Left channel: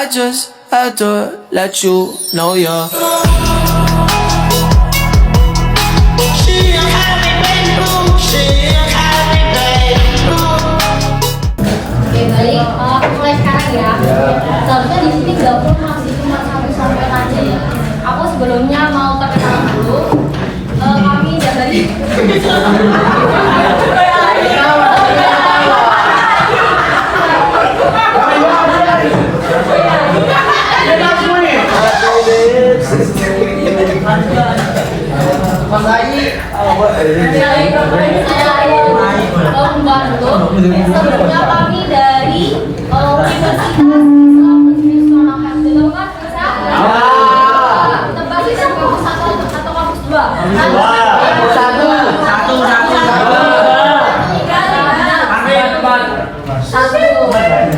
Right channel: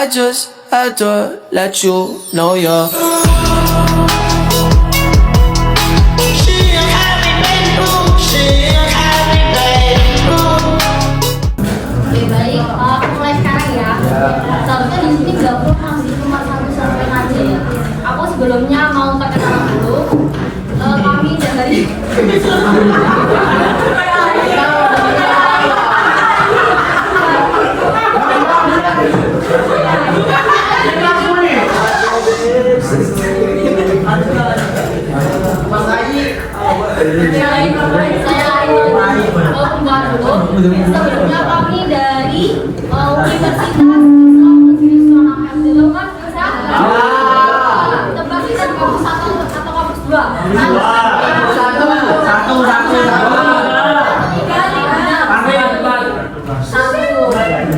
I just had to let you know you're mulai sekarang ya. Seharusnya di sini nggak pernah sih cuma satu sampai aja ya. Aku sebelumnya mau perkenalan dulu. Kami dari saya Ayu Pembantu. Sebelumnya kami dari Universitas Islam Hasilkan tebak kita kampus 1 atau kampus 2?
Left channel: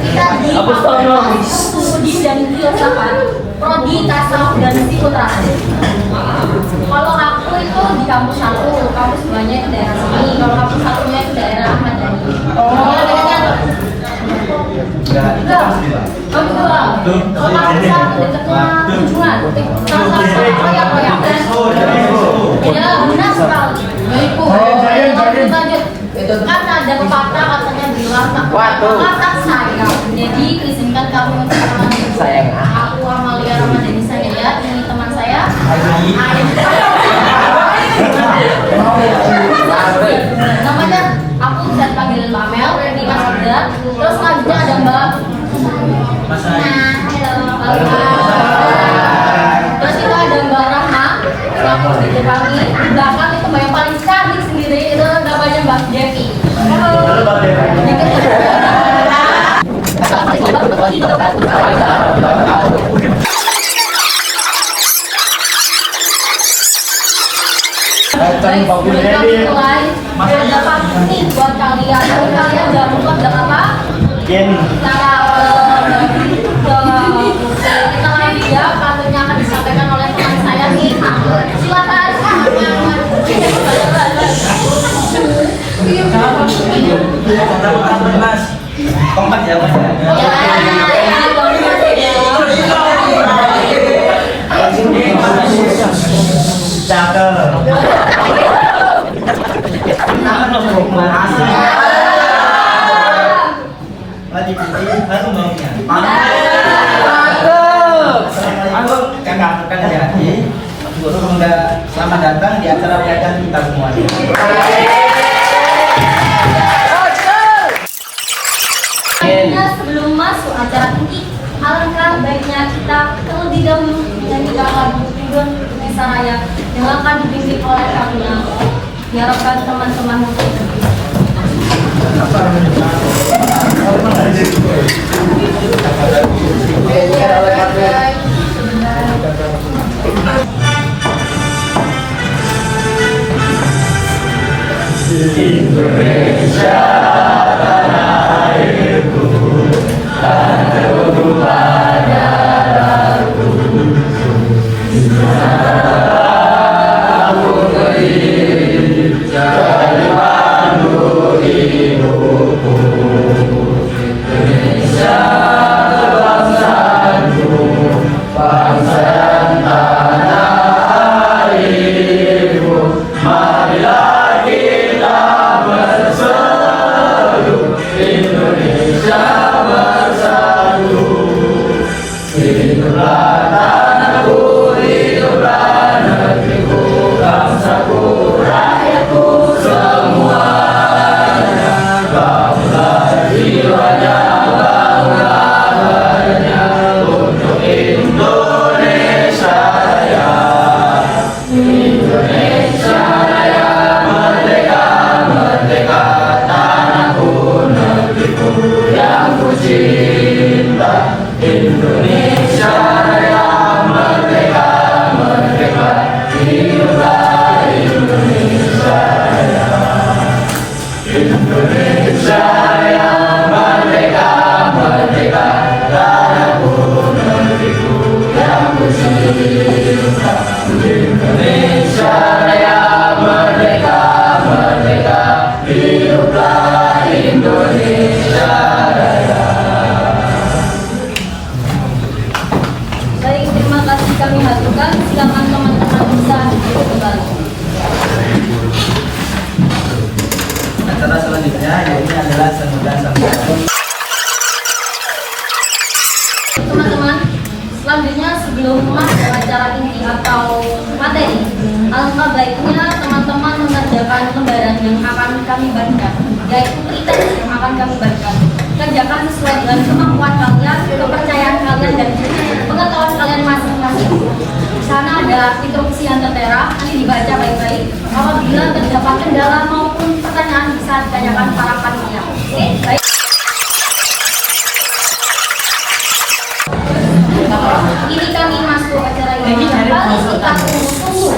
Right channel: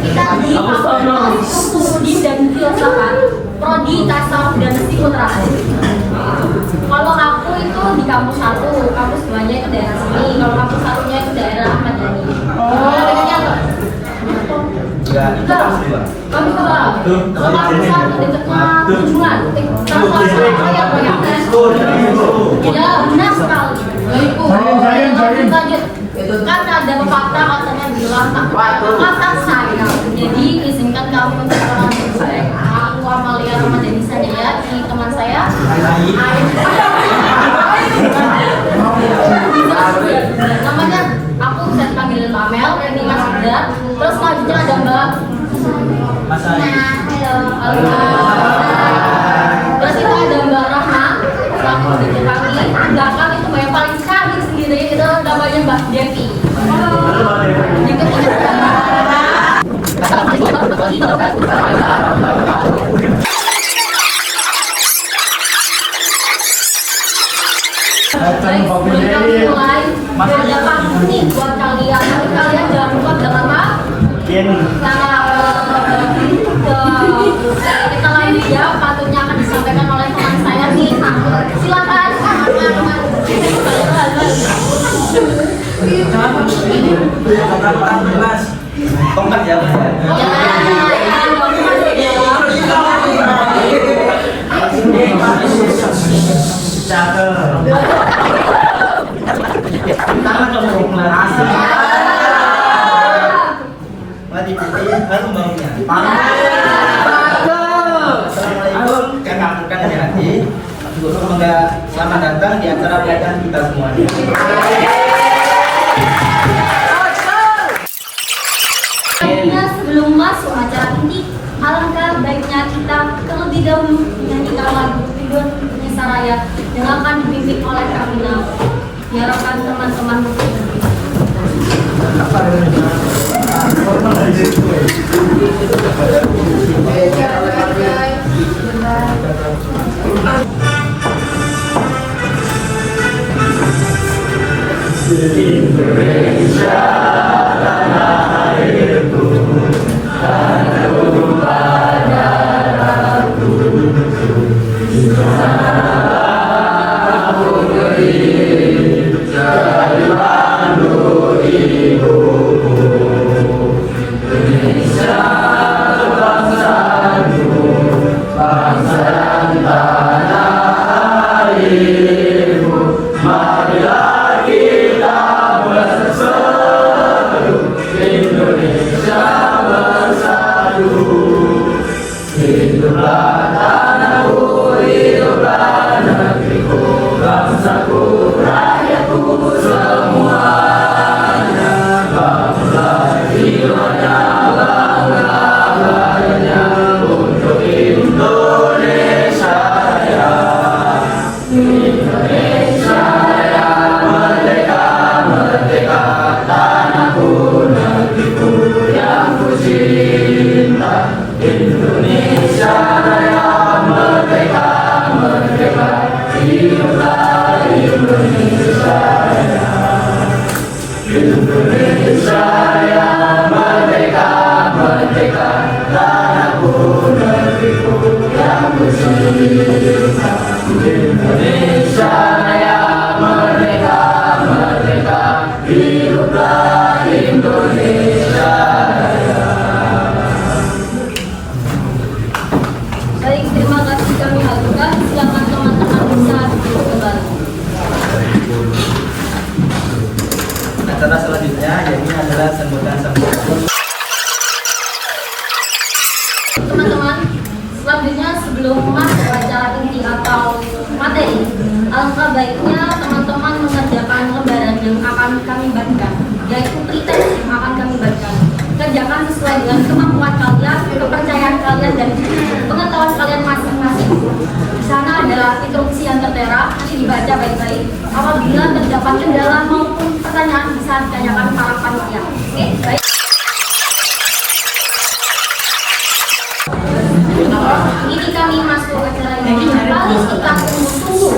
Kita di kampus Studi dan Filsafat, Prodi Tasawuf dan Psikologis. Kalau aku itu di kampus 1, kampus 2-nya itu daerah sini, kalau kampus 1-nya itu daerah Ahmad Dhani. Kampus 2. Kalau kampus 1 dekatnya Tunjungan, ya benar sekali. Lanjut. Kan ada pepatah katanya bilang kata saya. Jadi izinkan kami untuk aku Amalia Ramadhani Sanjaya, ini teman saya. Namanya aku saya panggil Amel, ini Mas Oda. Terus selanjutnya ada Mbak. Halo. Terus itu ada Mbak Rahma. Di belakang itu Mbak yang paling sekali sendiri itu namanya Mbak Devi. Baik, sebelum kami mulai, ada pamit nih buat kalian. Kalian jangan lupa bilang apa? Kita lanjut ya, patutnya akan disampaikan oleh teman saya nih. Silakan. Kompak ya, selamat datang di acara belajar kita semuanya. Sebelum masuk acara ini, alangkah baiknya kita terlebih dahulu menyanyikan lagu Indonesia Raya yang akan dibimbing oleh kami. Diharapkan teman-teman Indonesia tanah airku, tanah tumpah darahku. Aku berdiri dari pandu ibuku. Indonesia bangsaku, bangsa dan tanah airku. Marilah kita bersatu, Indonesia bersatu. Hiduplah tanahku, hiduplah negeriku, bangsaku, rakyatku semuanya. Bangga jiwanya, bangga badannya untuk Indonesia Raya. Indonesia Raya, merdeka, merdeka, tanahku, negeriku yang ku cinta. Indonesia Raya, merdeka, merdeka, hiduplah Indonesia Raya. Indonesia Raya, merdeka, merdeka, tanahku, negeriku yang ku cinta. Indonesia Raya, merdeka, merdeka, hiduplah Indonesia Raya. atau materi, alangkah baiknya teman-teman mengerjakan lembaran yang akan kami bagikan, yaitu pretest yang akan kami bagikan. Kerjakan sesuai dengan kemampuan kalian, kepercayaan kalian, dan pengetahuan kalian masing-masing. Di sana ada instruksi yang tertera, nanti dibaca baik-baik. Apabila terdapat kendala maupun pertanyaan bisa ditanyakan para panitia. Oke, baik. Ini kami masuk acara ini paling kita tunggu-tunggu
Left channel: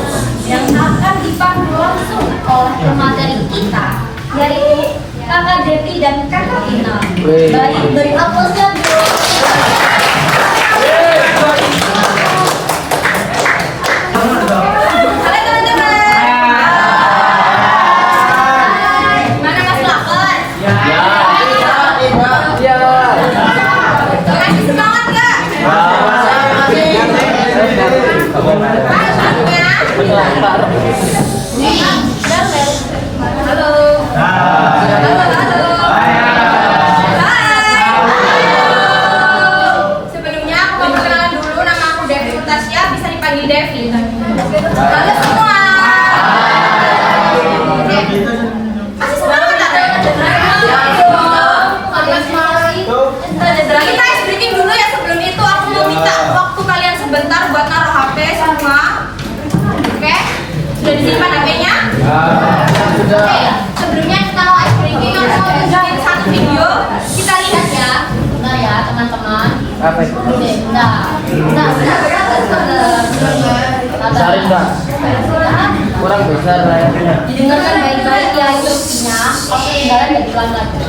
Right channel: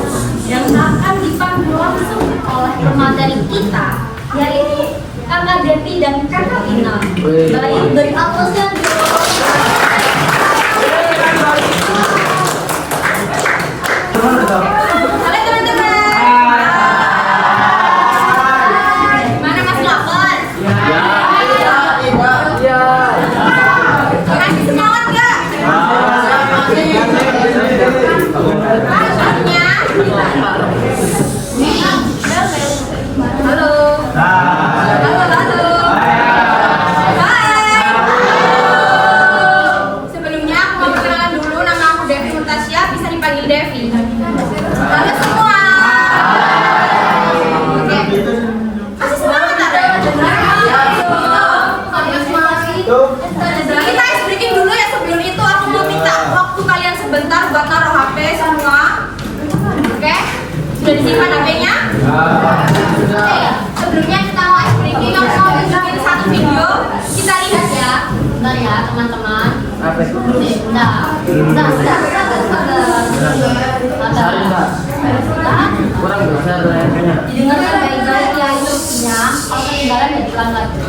yang akan dipandu langsung oleh pemateri kita, yaitu Kakak Devi dan Kakak Ina. Baik, beri aplausnya. Sudah disimpan HP-nya? Oke, sebelumnya kita mau ice breaking, kita mau bikin satu video. Kita lihat ya. Bentar ya teman-teman. Didengarkan baik-baik ya instruksinya. Pas ketinggalan ya diulang lagi.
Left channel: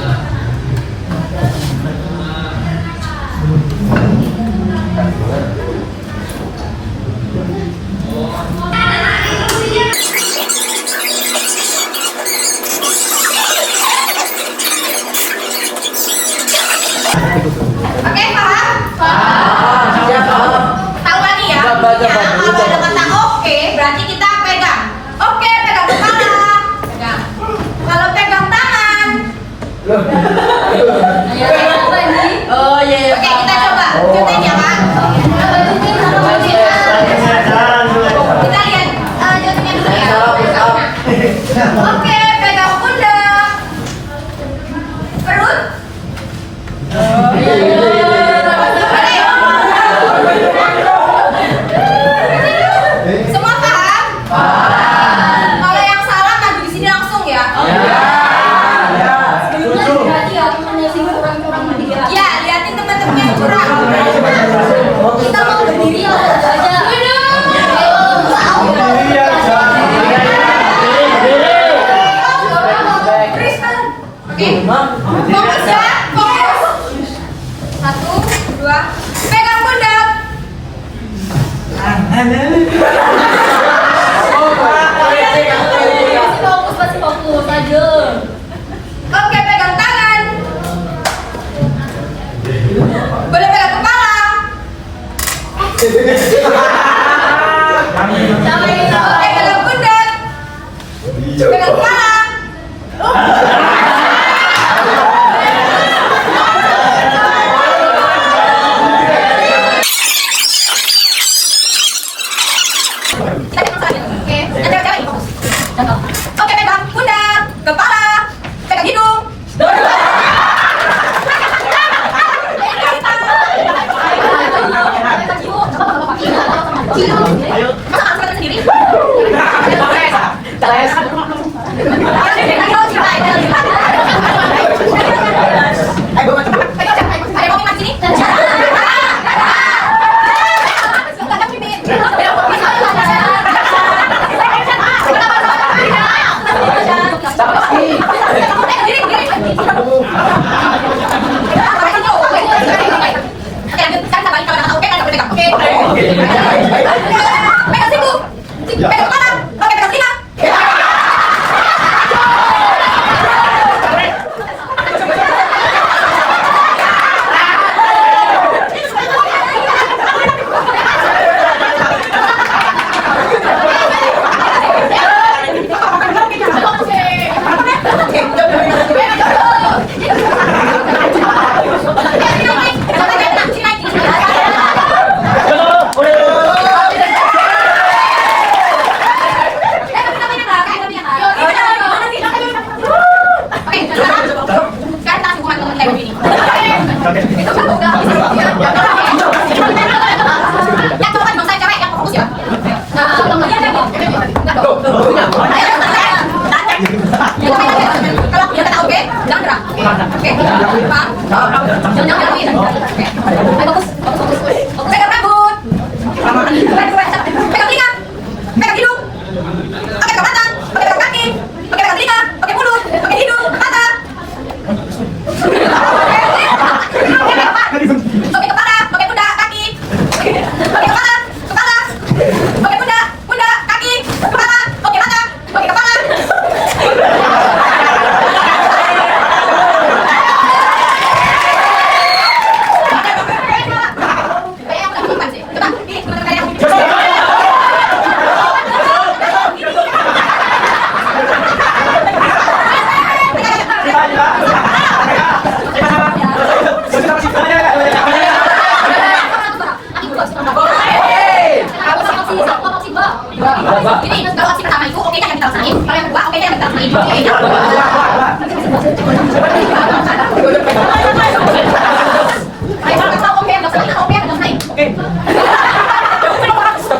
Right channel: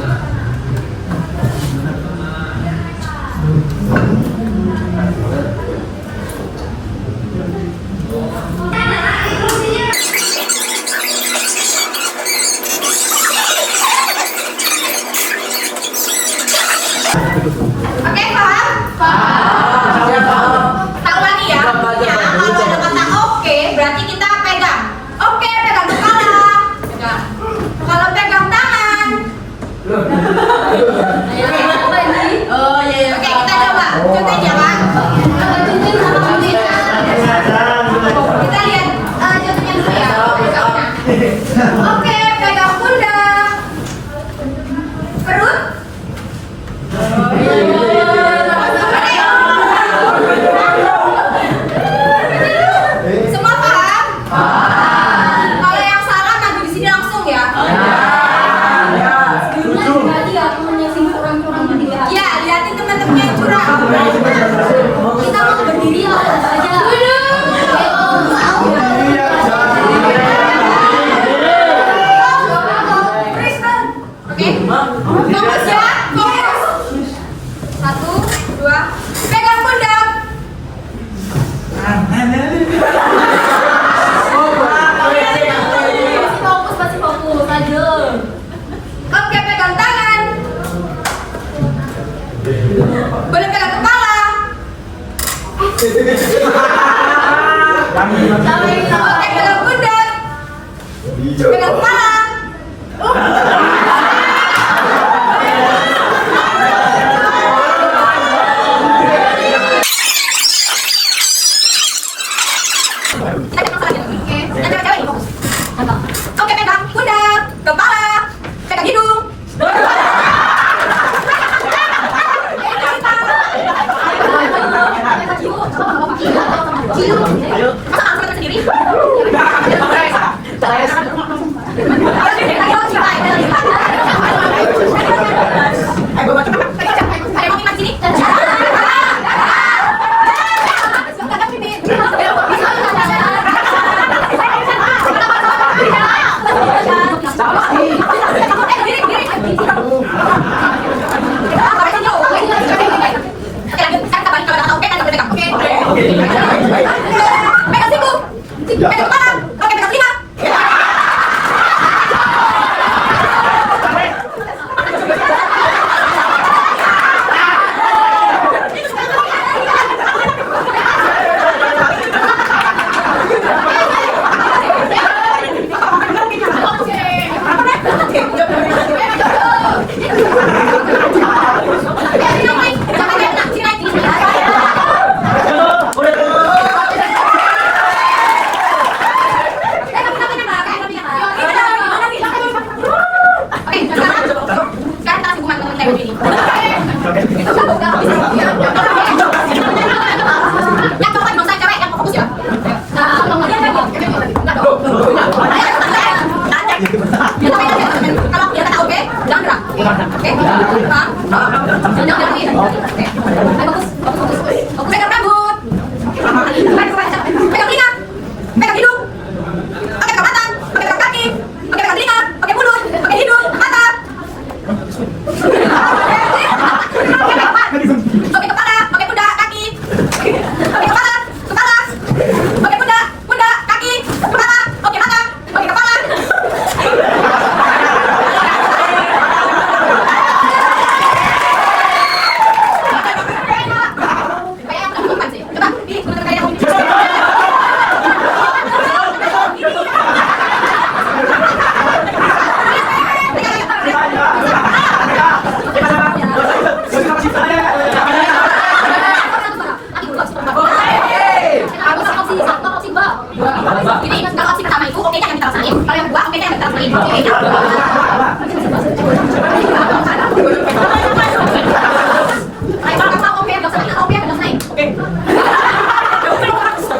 Oke, pegang pundak. Perut. Semua paham? Kalau yang salah maju di sini langsung ya. Ya, liatin teman-teman yang curang. Kita mau berdiri aja. Fokus ya, fokus. 1, 2, pegang pundak. Masih fokus aja. Oke, pegang tangan. Boleh pegang kepala. Oke, pegang pundak. Pegang kepala. Oke, pegang pundak, kepala, pegang hidung. Masa harus sendiri? Pegang siku, pegang kepala, oke pegang telinga. Pegang rambut. Pegang telinga. Pegang hidung. Pakai pegang mata. Pakai pegang kaki. Pakai pegang telinga. Pakai mulut. Pakai hidung. Mata. Pakai kepala. Pakai pundak. Kaki. Pakai kepala. Kepala. Pakai pundak. Pundak. Kaki. Kepala. Pakai mata. Pakai kepala. Ini kalau opsi pertama itu oke yang kita laksanain, kalau yang kedua oke yang kita laksanain.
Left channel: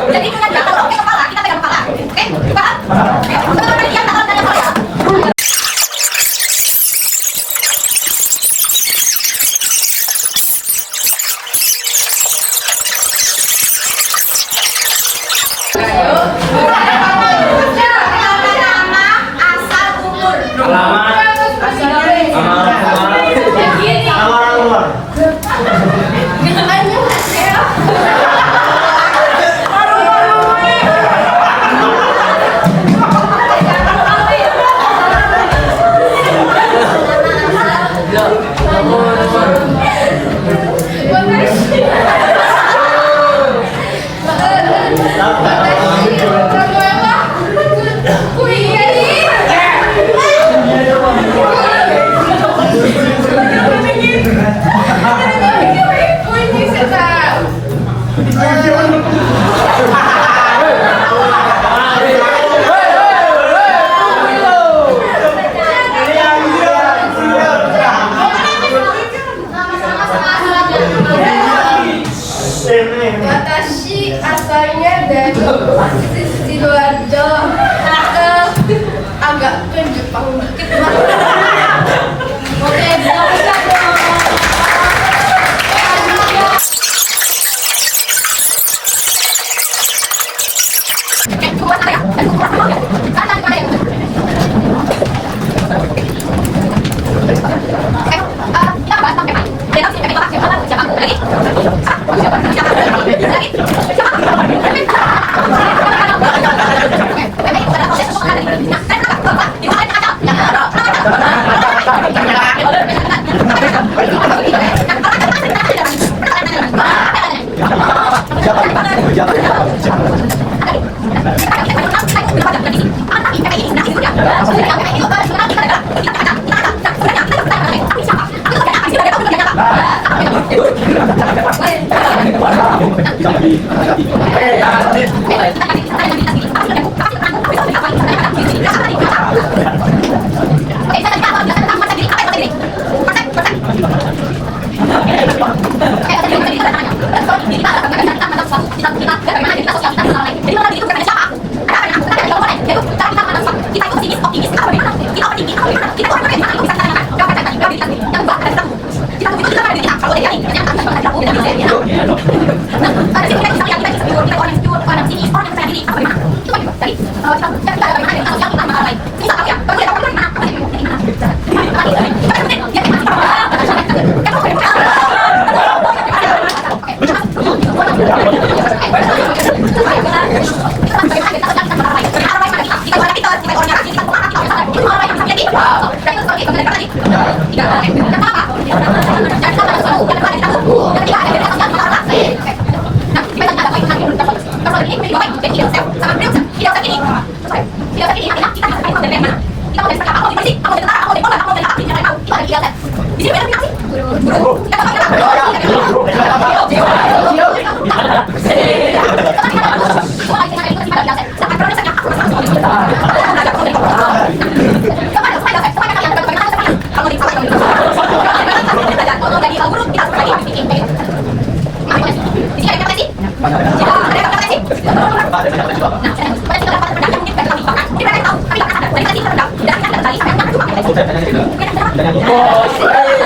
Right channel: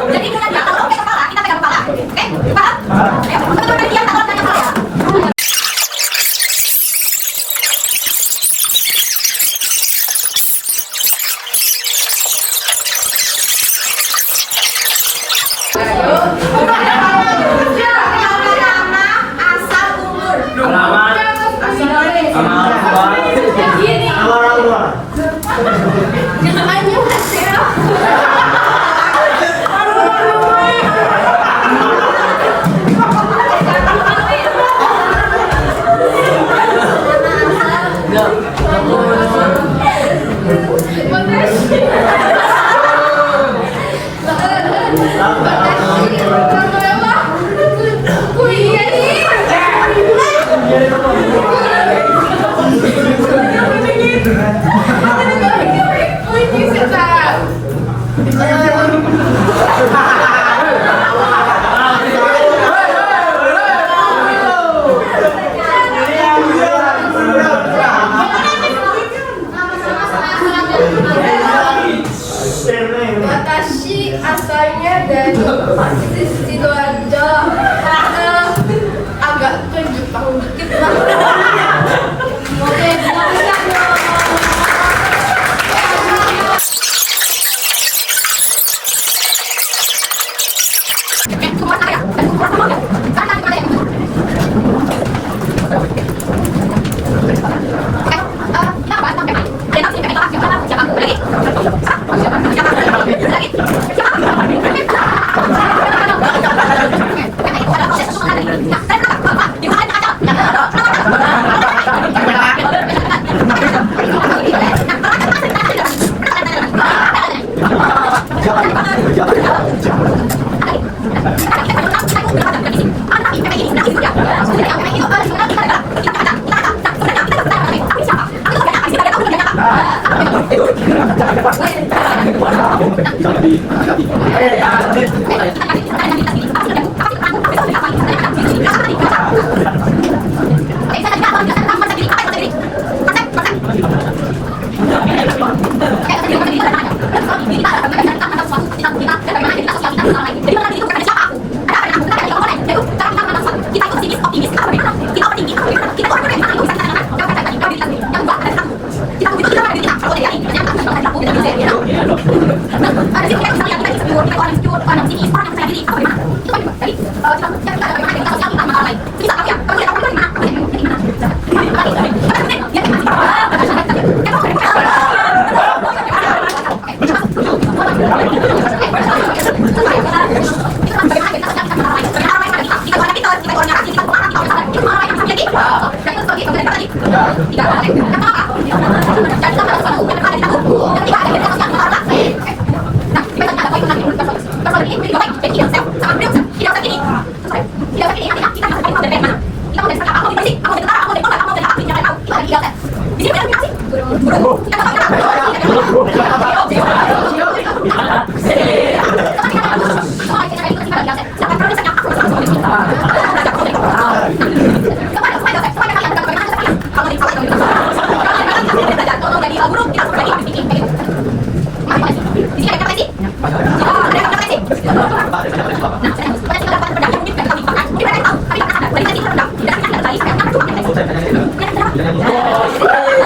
Jadi itu aja kalau oke kepala kita pegang kepala, oke? Paham? Teman-teman kalian kalau tanya saya. Watashi asalnya dari Sidoarjo, agak ke Jepang dikit lah. Oke,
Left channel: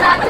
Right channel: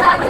Nah,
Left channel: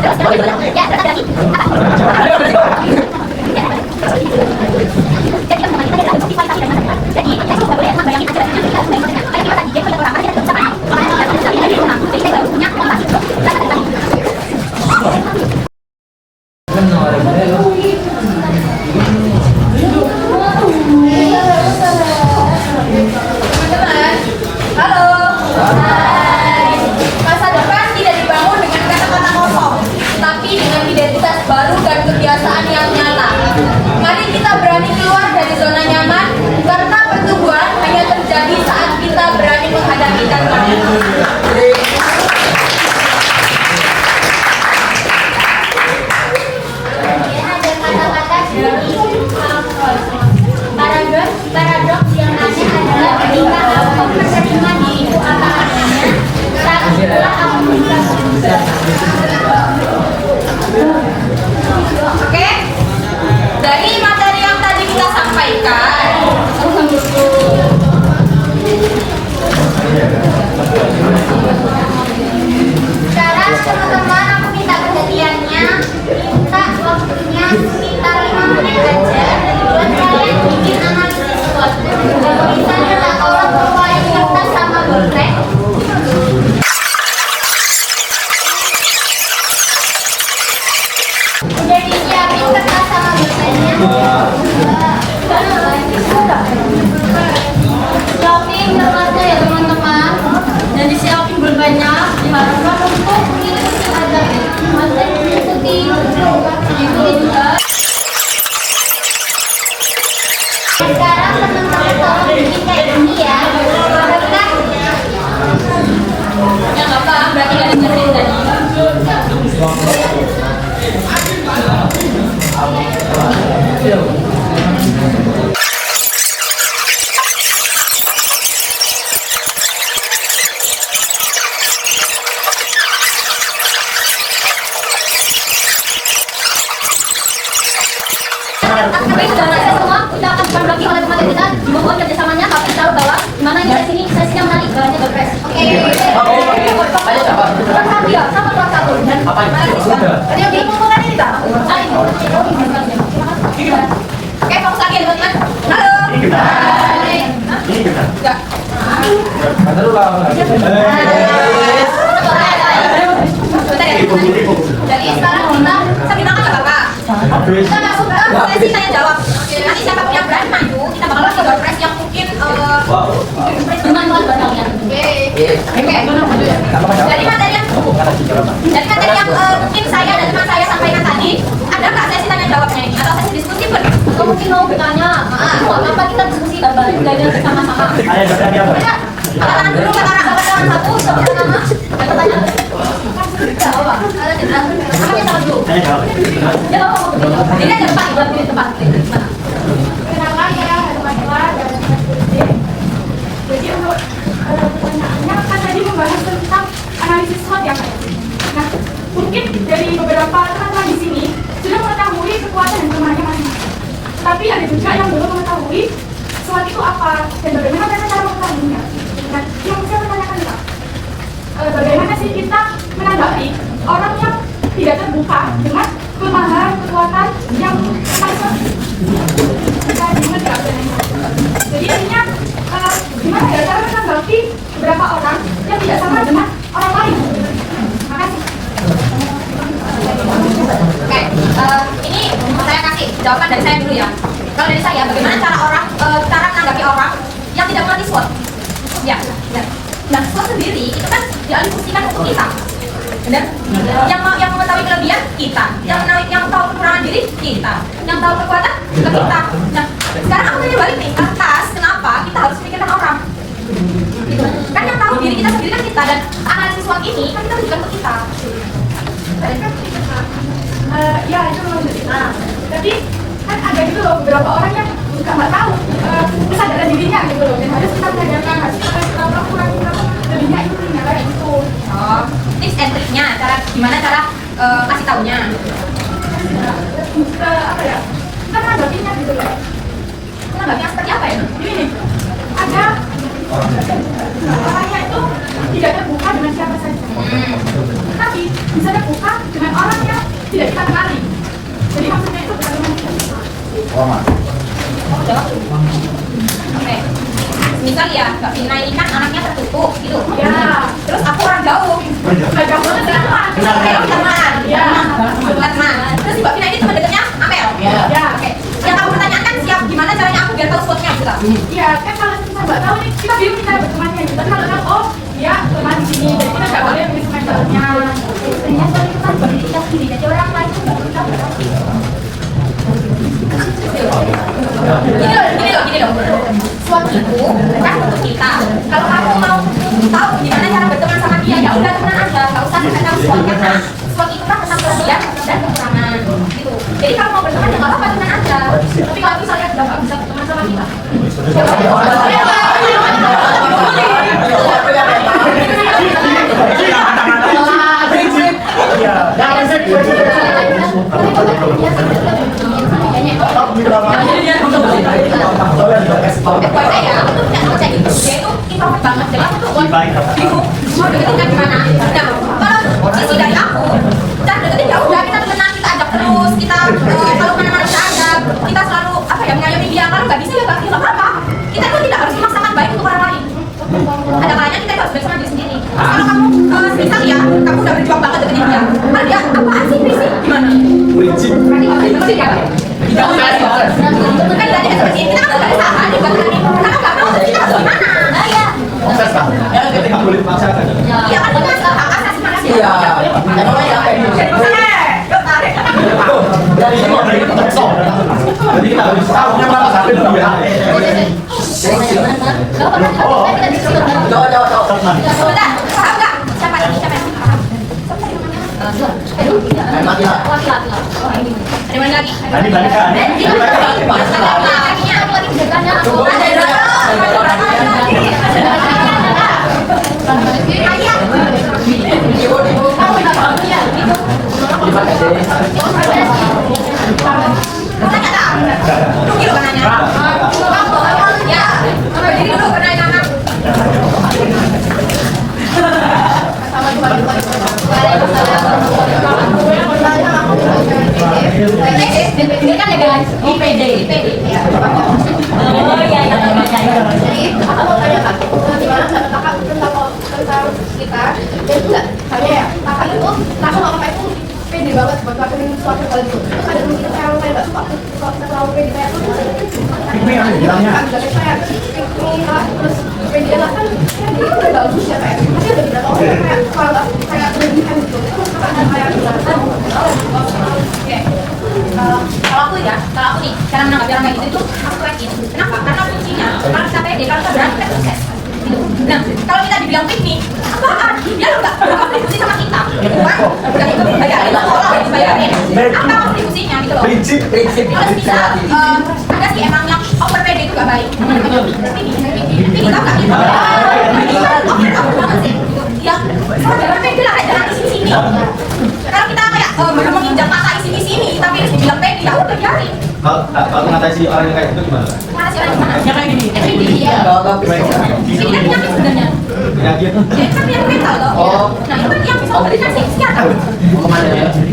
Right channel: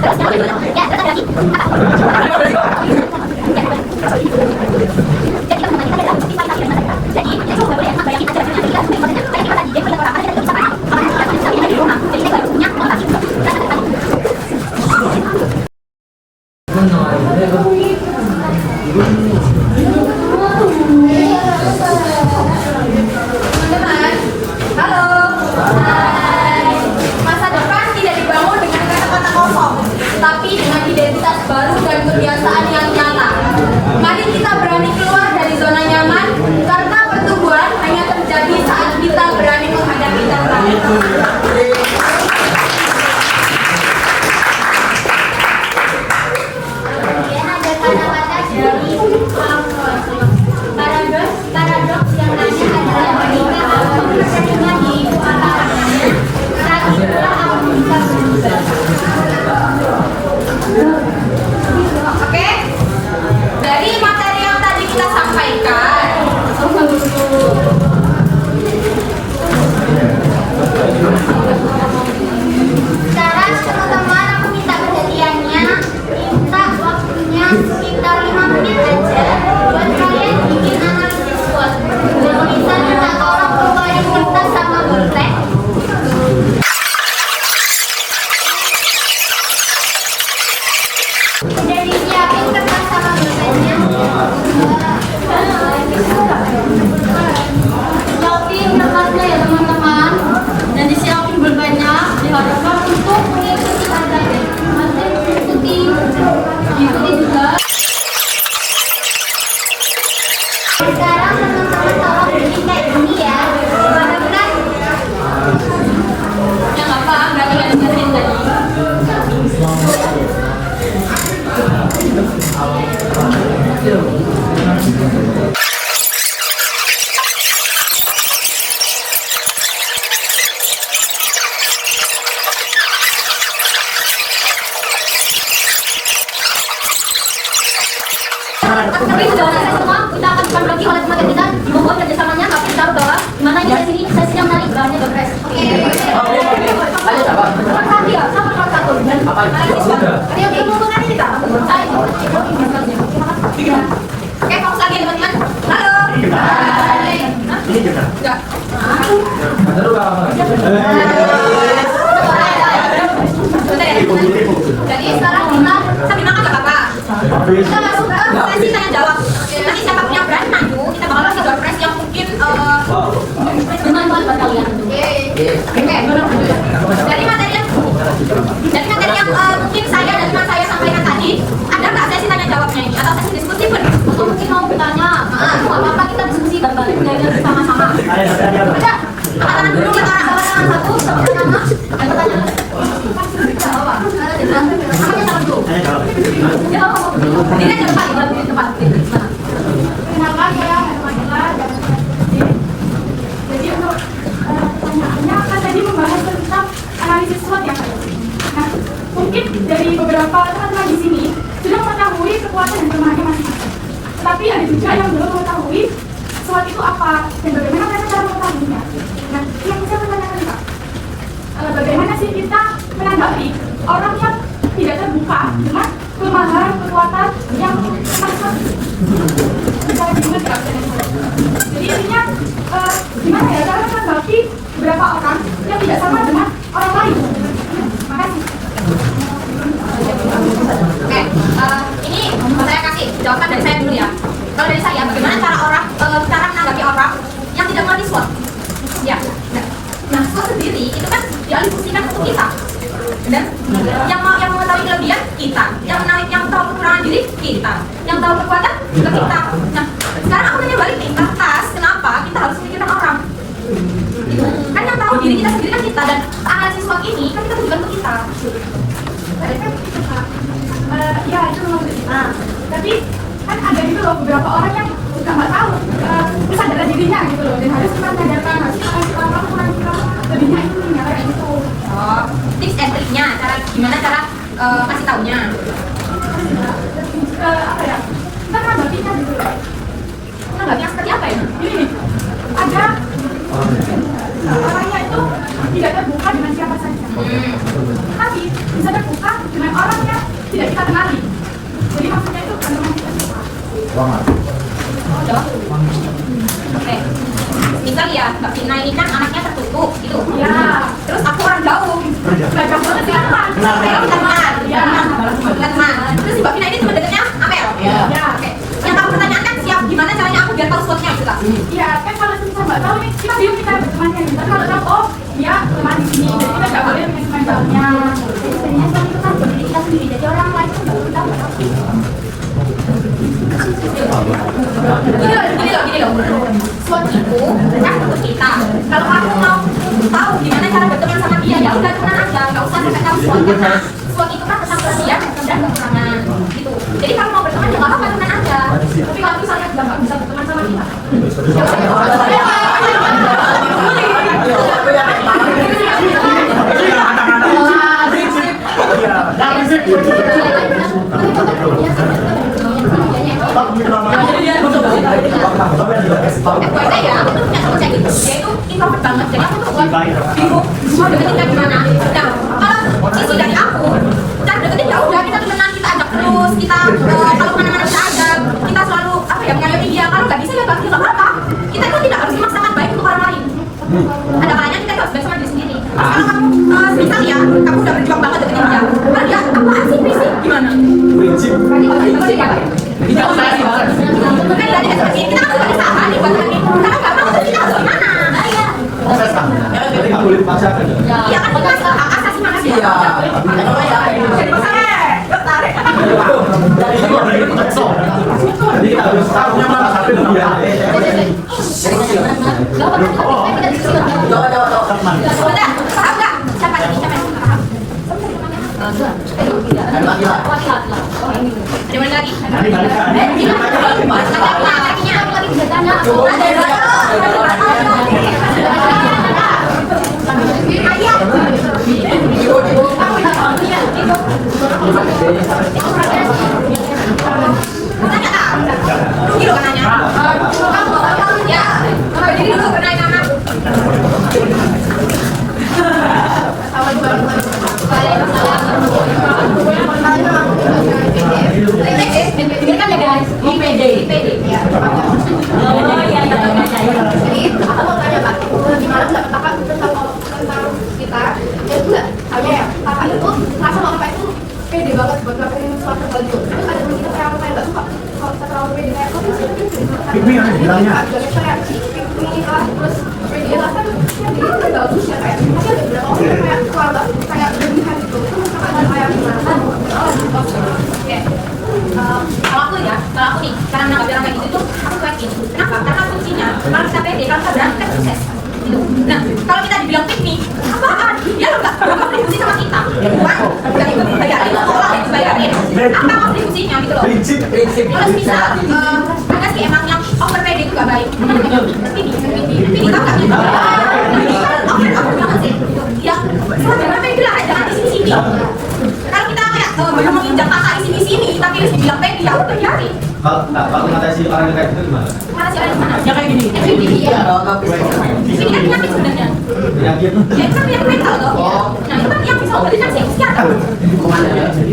Halo. Masa depan tidak dibangun dengan kata-kata kosong, tapi dengan identitas baru dan kebiasaan yang nyata. Mari kita berani keluar dari zona nyaman, karena pertumbuhan hanya terjadi saat kita berani menghadapi tantangan. Paradoks yang ada adalah ketika aku menerima diriku apa adanya, saat itulah aku bisa berubah. Oke? Dari materi yang tadi kita sampaikan, Sekarang teman-teman aku minta perhatiannya, minta waktunya sekitar 5 menit aja buat kalian bikin analisis SWOT. Bisa minta tolong kumpulin kertas sama pulpen. Udah disiapin kertas sama pulpennya? Siapin kertasnya ya teman-teman, dan disiapin pulpennya. Diharapkan untuk mengikuti mengikuti juga. Sekarang teman-teman tolong bikin kayak gini ya. Bahkan yang apa? Berarti gak dikasih tadi. tapi sudah selesai semua, kita akan berbagi oleh teman kita. Mohon kerjasamanya, tapi kita tahu bahwa mana yang di sini sesi yang menarik, bahannya Doorpress. Oke. Perhati ya, sama kelas 1. Oke, kumpulkan ini tak? Oke, fokus lagi ya teman-teman. Halo. Hai. Enggak. Jadi sekarang kita sambil makan gak apa-apa. Kita masuk ke sesi tanya jawab. Nanti siapa yang berani maju, kita bakal kasih Doorpress yang mungkin Dengan buat kalian. Oke. Dari materi yang mungkin saya dan teman saya sampaikan tadi, ada nggak sesi tanya jawabnya ini atau sesi diskusi pun? Atau mungkin mau bertanya, maaf, apa kita diskusi belajar sama-sama. Udah, angkat tangan dulu ke orang satu, sebut nama dan pertanyaan. Nggak apa-apa. Namanya salah dulu. Ya nggak apa-apa. Ini ada tempat, di tempat. Kenalkan ya teman-teman. Jadi untuk pertanyaannya kan tadi membahas tentang analisis SWOT ya. Nah, mungkin dari beberapa teman-teman di sini sudah mengetahui kekuatan dan kelemahannya masing-masing. Tapi ada juga yang belum mengetahui SWOT itu apa dan bagaimana mereka cara mengetahuinya. Nah, yang bisa menanyakan Pak, bagaimana sih kita menanggapi orang yang tidak terbuka dengan kelemahan, kekuatan yang masing-masing. Kita ingat ya, jadi intinya gimana ya cara menanggapi beberapa orang yang tidak sama dengan orang lain. Makasih. Oke, ini saya kasih jawaban dari saya dulu ya. Kalau dari saya, bagaimana cara menanggapi orang yang tidak mengerti SWOT? Ya, nah SWOT sendiri itu kan dialihfungsikan untuk kita. Benar? Yang mengetahui kelebihan kita, yang tahu kekurangan diri kita, yang tahu kekuatan ke kita. Nah, sekarang aku tanya balik nih, atas kenapa kita harus memikirkan orang? Gitu. Kan yang tahu diri kita sendiri kan kita, dan analisis SWOT ini kan kita tujukan untuk kita. Ya itu memang benar. Tapi kan ada gitu loh beberapa orang yang juga nggak tahu kesadaran dirinya gitu loh, dan harus kita mengajarkan, harus kita kasih tahu kurang lebihnya intinya kayak gitu. Oh, tips and triknya, gimana cara kasih taunya? Apa ya? Kita menanggapinya gitu loh. Menanggapinya seperti apa ya? Ini ada orangnya itu tidak terbuka dengan siapa saja. Tapi bisa terbuka dengan orang yang tidak kita kenali. Jadi maksudnya itu bukan dengan kita. Oke. Misal ya, Mbak Vina ini kan anaknya tertutup gitu. Ya. Terus aku orang jauh. Sudah jauh banget teman. Ayo kita teman. Ya. Teman. Terus Mbak Vina ini teman dekatnya Amel. Ya. Oke. Yang kamu pertanyaan kan siap gimana caranya aku biar tahu spotnya gitu. Iya, kan kalau kita nggak tahu nih, kita bingung kita berteman kan. Tapi kalau tahu, oh dia teman di sini, jadi kita nggak boleh menyebutkan jalannya. Sebenarnya kalau itu kan buat diri kita sendiri, jadi orang lain itu nggak perlu tahu. Gini loh. Slot itu kan untuk kita. Kalau kamu mau tahu gimana cara berteman sama dia, ya udah teman aja, nggak usah sampai tahu slotnya. Karena slot itu kan tentang kesekian dan kekurangan gitu. Jadi kalau mau berteman ya nggak apa-apa, teman aja. Tapi kalau misalnya udah nggak bisa berteman sama kita, FYI ya, aku tuh punya teman kayak gitu. Dia itu introvert banget, jadi aku tuh bingung mau deketin kan gimana. Nah, kalau sisi dari aku, cara deketin ya udah kita temenan, kita ajak terus, kita kalau mana-mana kita ajak, kita selalu apa ya mengayomi dia. Kalau nggak bisa ya nggak apa-apa. Kita itu tidak harus memaksakan baik untuk orang lain. Ada kalanya kita harus baik sama diri sendiri. Kalau kamu misal ya, kamu udah berjuang banget deketin dia, kalau dia apaan sih prinsip gimana? Prinsip. Berarti ya? Bukan dari seperti ini, kita kan udah usaha nih buat ini. Kalau nggak mau terus kita harus gimana? Nah ya. Jadi nggak boleh dipaksakan. Iya kan itu kan hak asasi manusia. Iya. Jadi kita harus tahu nama satu dia. Sebentar, paham nggak? Siapa ini? Siapa yang paham? Ada mana lagi? Tadi balik kan? Lakinya aku lagi bisa tanya. Gitu kan nanya? Ya, jadi dulu pernah nama. Ini kan ya guys, IPD. Oh iya, jadi aku mau tanya Kak, gimana nggak kakak tentang kita? Dan enggak, hanya ya kakak itu rasa kalau kakak itu pede banget buat ngelakuin suatu hal itu. Terus ada temen kita yang saya nggak suka kalau kita terlalu pede kayak itu. Ini yang bilangnya. Saya terus pede lah kan, jadi itu udah bagus ya kayak. Tapi ada beberapa orang yang kayak kalau nggak kayak berlebihan gitu, itu kakak ada kayak gimana? Oke. Kalau aku ya, kalau aku nih, cara menanggapi orang kayak gitu itu aku cuekin. Kenapa? Karena kuncinya, kalau kita pede, kalau kita berani, kita sukses. Gitu. Nah, kalau kita dibilang piknik, apaan? Dia nggak kontribusi sama kita. Bukan itu bayarin, orang itu bayarin. Apa kontribusinya gitu loh? Prinsip. Terus bisa, ada sih emang yang over pede itu gak baik. Terus ini tau gak gitu? Ini kan over banget sih. Ya, sebenarnya pede lah, jangan di sini-sini. Kalau kita kayak belum menginjak mata di sini-sini, tapi harus dibilang pede, ya udah biarin. Kalau mengatasi orang yang kayak gitu gimana? Mana sih orang gimana? Ya kayak gini. Iya. Ini kan penyakit sebenarnya. Penyakit. Ya kan penyakit mental loh. Nah itu kan yang bisa obatin kan psikiater.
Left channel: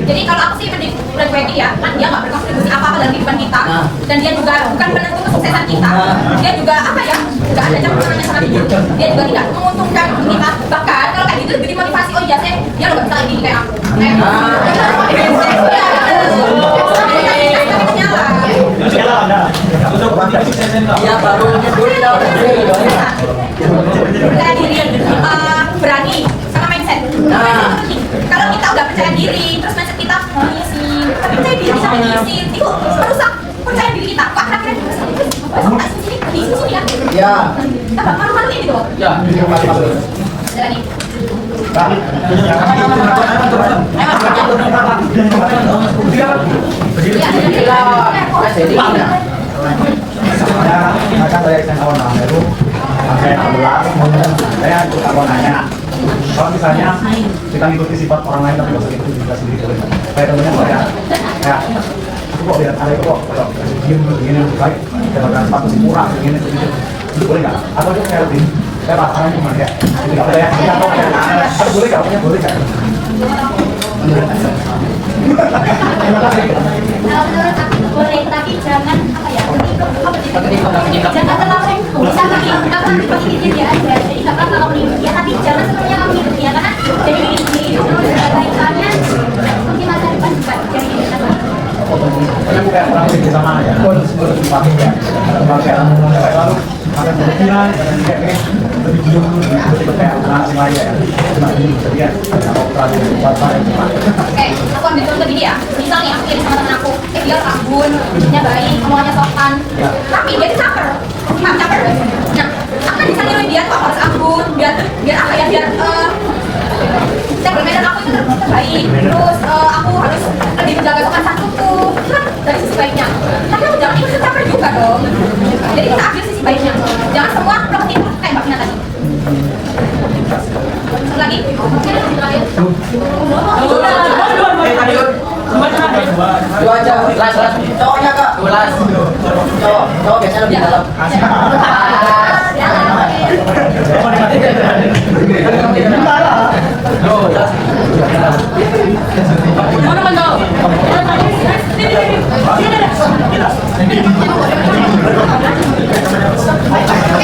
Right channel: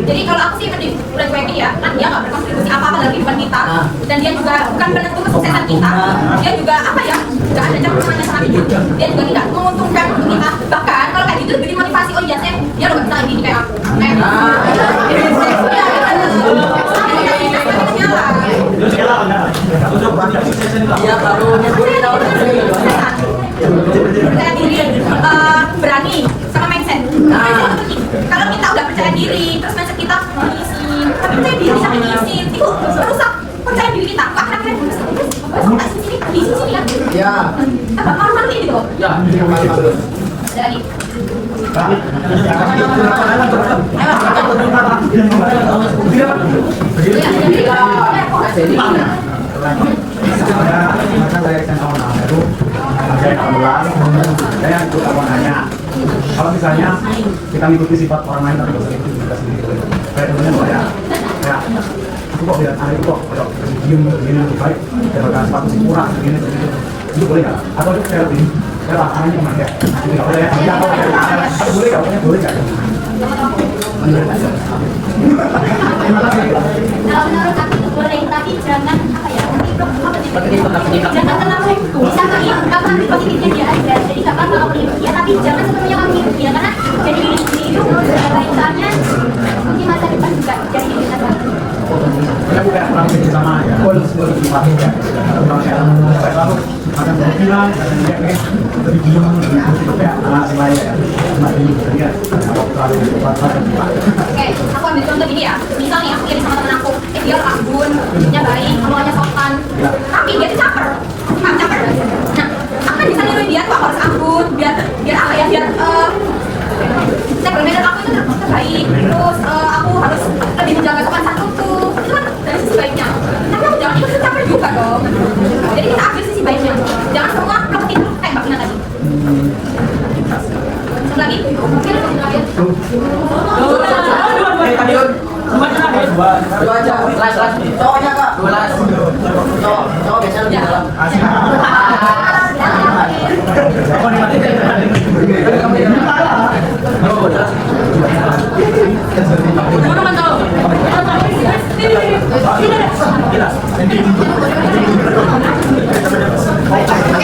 Jadi kalau aku sih mending udah pede ya, kan dia nggak berkontribusi apa-apa lagi bukan kita, dan dia juga bukan penentu kesuksesan kita. Dia juga apa ya? Nggak ada jam tangannya sama hidup. Dia juga tidak menguntungkan kita. Bahkan kalau kayak gitu jadi motivasi. Oh iya dia loh nggak bisa lagi kayak aku. Ya baru nyebut percaya diri, berani, sama mindset. Mindset itu penting. Kalau kita udah percaya diri, terus mindset kita ngisi, tapi percaya diri bisa ngisi, itu merusak percaya diri kita. Pak kira-kira di sini kan? Ya. Kita bakal malu-malu gitu. Ya. Ada lagi. Kalau misalnya kita mengikuti sifat orang lain tapi nggak itu juga sendiri kayak temennya ya kayak aku kok lihat ada kok diem begini lebih baik daripada status pura begini itu boleh nggak atau itu kayak Pak, tangannya kemana ya? Boleh nggak? Boleh nggak? Terima kasih. Kalau menurut aku boleh, tapi jangan apa ya? Jangan terlalu bisa kamu positifnya dia aja. Jadi nggak apa-apa kamu hidup dia, tapi jangan sepenuhnya kamu hidup dia karena jadi diri sendiri itu kaitannya mungkin masa depan juga jadi diri kita sendiri. Karena aku kayak orang sini sama ya, aku semua di bawah ya, bang saya lalu sampai bilang kayak lebih dulu kayak anak saya ya, dia Oke, aku ambil contoh gini ya. Misal nih aku kirim sama temen aku, dia rambutnya baik, omongannya sopan, tapi dia tuh caper, caper. Nah, aku kan bisa niruin dia tuh aku harus anggun, biar apa ya, biar level medan aku itu terbaik. Terus aku harus lebih menjaga sopan santunku. Itu kan dari sisi baiknya. Tapi aku jangan ikut caper juga dong. Jadi kita ambil sisi baiknya. Jangan semua bloketin kayak Mbak Vina tadi. Lagi, mungkin lagi. Dua aja, cowoknya kak. Cowok biasa lebih dalam. Oke,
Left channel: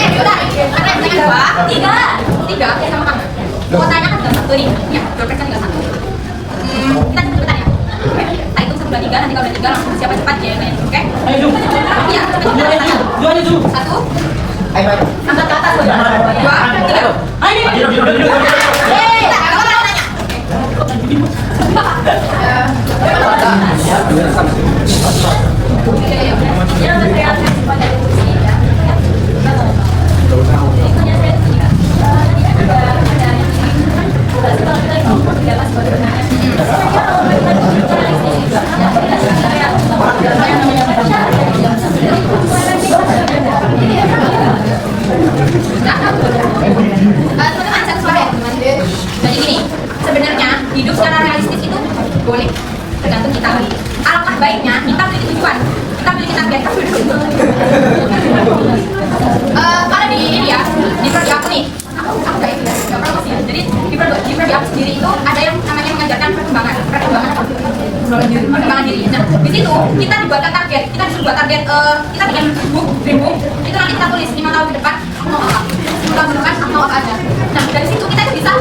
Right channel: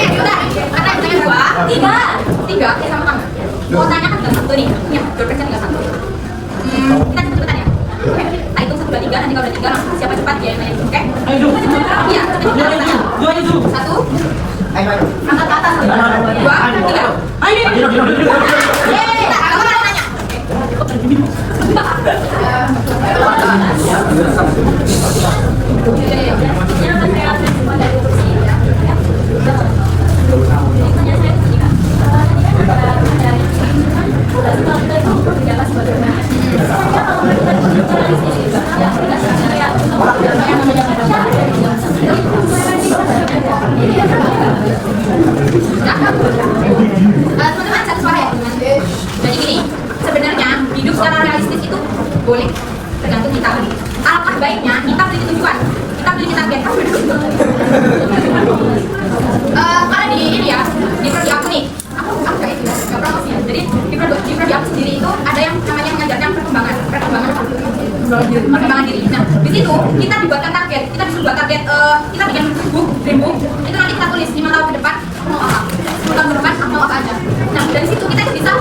udah. Karena yang dua, tiga ya sama kamu. Mau tanya kan tinggal satu nih, ya, jawab kerja tinggal satu. Kita cepetan ya. Oke, kita hitung 1, 2, 3, nanti kalau udah 3 langsung siapa cepat ya yang lain, oke? Iya, cepetan. 1, angkat ke atas, 2, 3. Yeay, aku mau nanya. Teman-teman satu suara ya, teman. Jadi gini, sebenarnya hidup secara realistis itu boleh, tergantung kita. Alangkah baiknya kita memiliki tujuan, kita memiliki target. Karena di ini ya, di prodi aku nih, aku kayak itu ya, nggak promosi. Jadi di prodi aku sendiri itu ada yang namanya mengajarkan perkembangan diri. Nah, di situ kita dibuatkan target, kita disuruh buat target, kita bikin dream book, itu nanti kita tulis 5 tahun ke depan aku mau apa, 10 tahun ke depan aku mau apa aja. Nah, dari situ kita bisa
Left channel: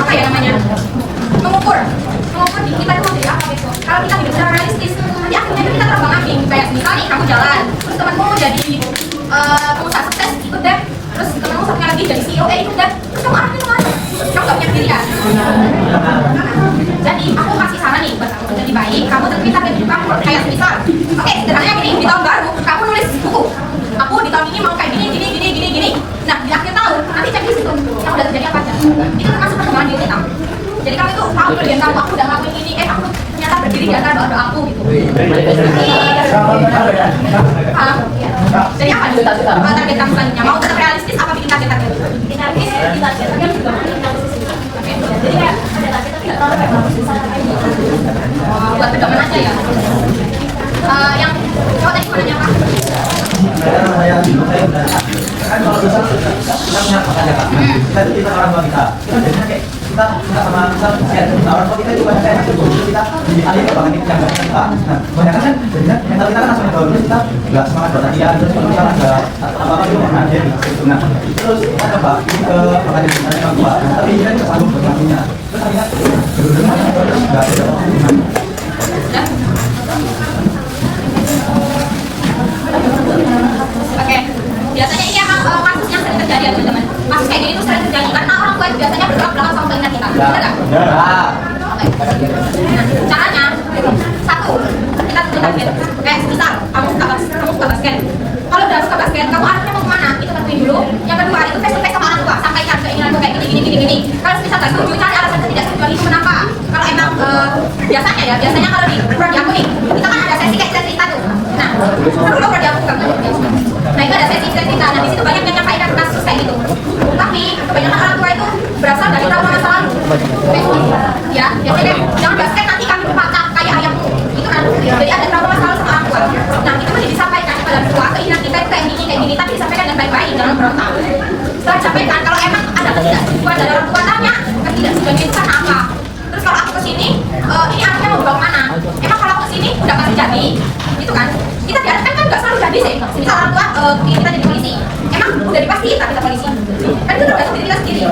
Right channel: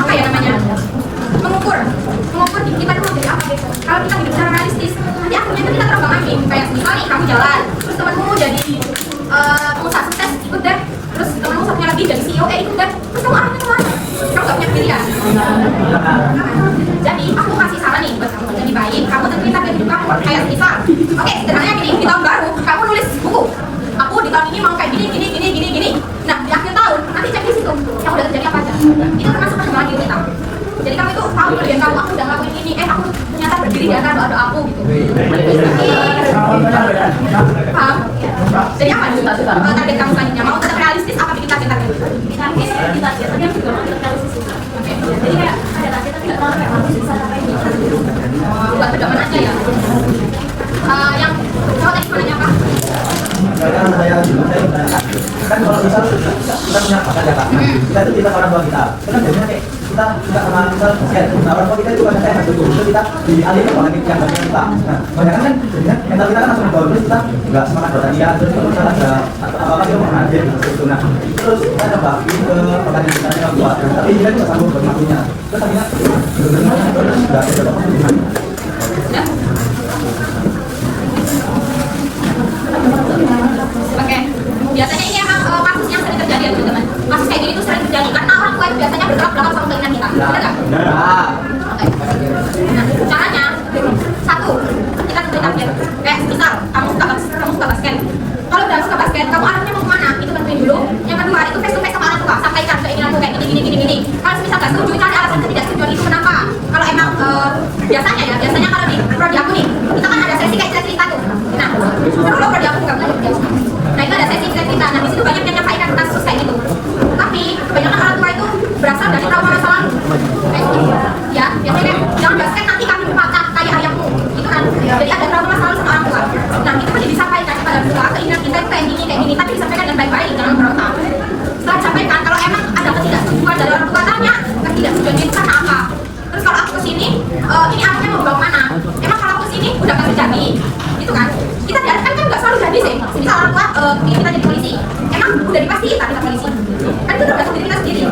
apa ya namanya, mengukur diri kita itu jadi apa gitu. Kalau kita hidup secara realistis, nanti akhirnya itu kita terbang-ambing. Kayak misalnya kamu jalan, terus temanmu jadi pengusaha sukses, ikut deh. Terus temanmu satunya lagi jadi CEO, ikut deh. Terus kamu arahnya kemana? Kamu gak punya pilihan. Jadi aku kasih saran nih buat kamu jadi baik. Kamu tentuin target hidup kamu. Kayak misal, oke, sederhananya gini, di tahun baru kamu nulis buku. Aku di tahun ini mau kayak gini. Nah, di akhir tahun nanti cek di situ yang udah terjadi apa aja. Itu termasuk perkembangan diri kita. Jadi kamu itu tahu kelebihan kamu, aku udah ngelakuin ini, aku ternyata berdiri di antara doa aku gitu. Paham? Jadi apa nih target kamu selanjutnya? Mau tetap realistis apa bikin target-target? Targetnya juga realistis. Jadi kayak ada target tapi nggak terlalu realistis. Buat pedoman aja ya. Yang mau tadi mana apa? Saya kan kalau misal kita punya apa aja kak, kita orang tua kita kan jadinya kayak kita sama misal orang tua kita itu banyak kayak satu itu kita dialih ke bangan yang banyak kita. Nah banyak kan jadinya mental kita kan langsung bagus, kita nggak semangat berlatihan, terus kalau misalnya nggak apa-apa itu mengajar gitu. Nah terus kita coba ke pengajar kita yang tua, tapi dia nggak sanggup berlakunya. Terus akhirnya benar-benar nggak ada. Oke, biasanya ini emang kasus yang sering terjadi ya teman-teman. Kasus kayak gini tuh sering terjadi karena orang tua itu biasanya bergerak belakang sama keinginan kita. Benar nggak? Oke. Nah, caranya satu, kita tentuin target. Kayak misal kamu suka basket. Kalau udah suka basket, kamu arahnya mau kemana? Itu tentuin dulu. Yang kedua itu face to face sama orang tua. Sampaikan keinginanmu kayak gini. Kalau misal nggak setuju, cari alasan ketidaksetujuan itu kenapa. Kalau emang biasanya kalau di prodi aku nih, kita kan ada sesi kayak cerita tuh. Nah, seru loh prodi aku juga belajar biasa. Nah itu ada sesi cerita. Nah di situ banyak yang nyampaikan kasus kayak gitu. Tapi kebanyakan orang tua itu berasal dari trauma masa lalu. Ya, biasanya jangan basket nanti kami berpatah kayak ayahmu. Itu kan. Jadi ada trauma masa lalu sama orang tua. Nah itu kan disampaikan kepada orang tua keinginan kita itu kayak gini. Tapi disampaikan dengan baik-baik, jangan berontak. Setelah disampaikan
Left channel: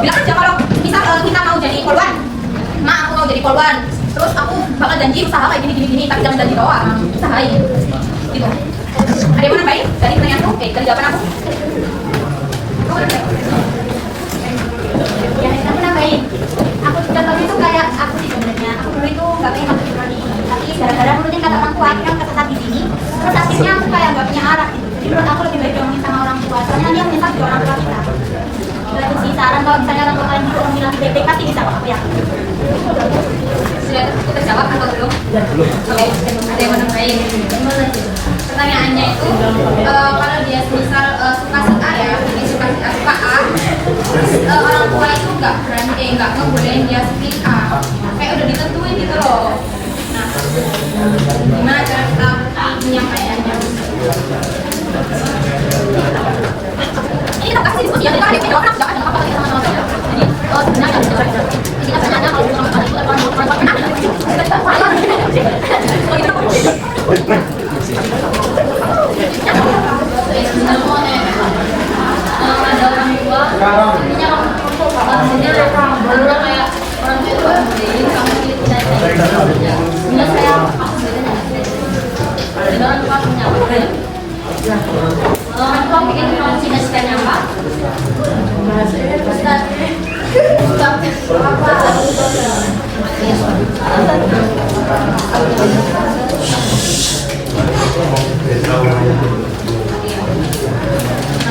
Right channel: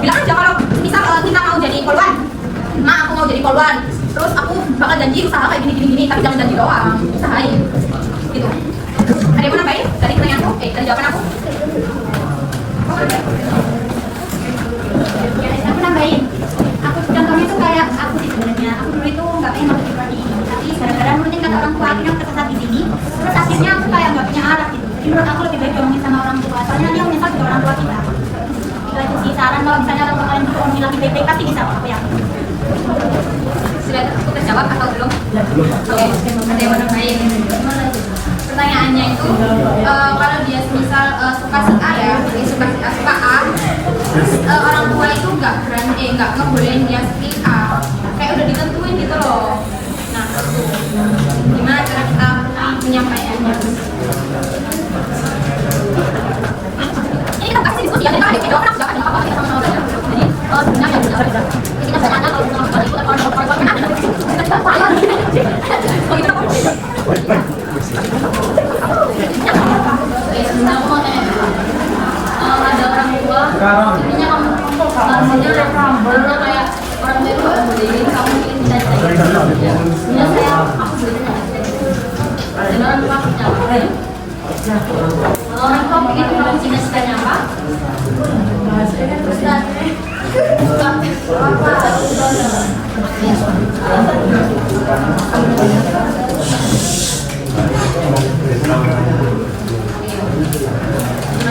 bilang aja kalau misal kita mau jadi polwan, aku mau jadi polwan, terus aku bakal janji usaha kayak gini, tapi jangan janji doang, usahain gitu. Ada yang mau nambahin dari pertanyaanku? Dari jawaban aku? Ya, aku nambahin. Aku contohnya tuh kayak aku sih sebenarnya. Aku dulu itu nggak pengen masuk prodi, tapi gara-gara nurutin kata orang tua, akhirnya aku tersesat di sini. Terus akhirnya aku kayak nggak punya arah gitu. Jadi menurut aku lebih baik ngomongin sama orang tua. Soalnya dia menyesal juga orang tua kita. Itu aja sih saran, kalau misalnya orang tua kalian gitu orang bilang baik-baik pasti bisa kok, aku yakin. Sudah terjawab atau belum? Oke, ada yang mau nambahin? Pertanyaannya itu kalau dia misal suka si A ya, dia suka A, terus orang tua itu nggak berani, nggak ngebolehin dia speak A, kayak udah ditentuin gitu loh. Nah, gimana cara kita menyampaikannya? Ini kita kasih diskusi ya, kita ada video kan, nggak apa-apa kita sama-sama saja. Jadi sebenarnya kita bercanda kalau sama sekali itu kawan-kawan ada orang tua, jadinya kamu kayak orang tua itu nggak boleh kamu pilih tidak saya. Sebenarnya saya aku sebenarnya tidak. Orang tua punya apa? Orang tua pikir kamu cita-citanya apa?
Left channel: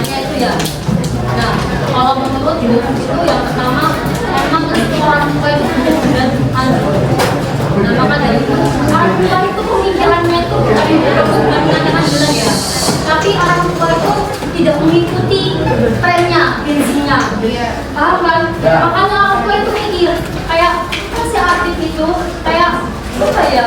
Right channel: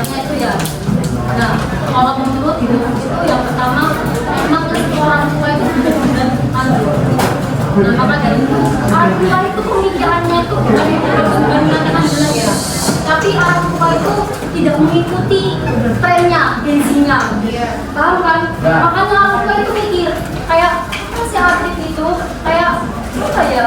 Itu ya. Nah, kalau menurut itu yang pertama memang orang tua itu benar-benar nah maka dari itu orang tua itu pemikirannya itu aku bukan mengatakan benar ya, tapi orang tua itu tidak mengikuti trennya, bensinnya, paham kan? Makanya orang tua itu mikir kayak si artis itu kayak apa ya,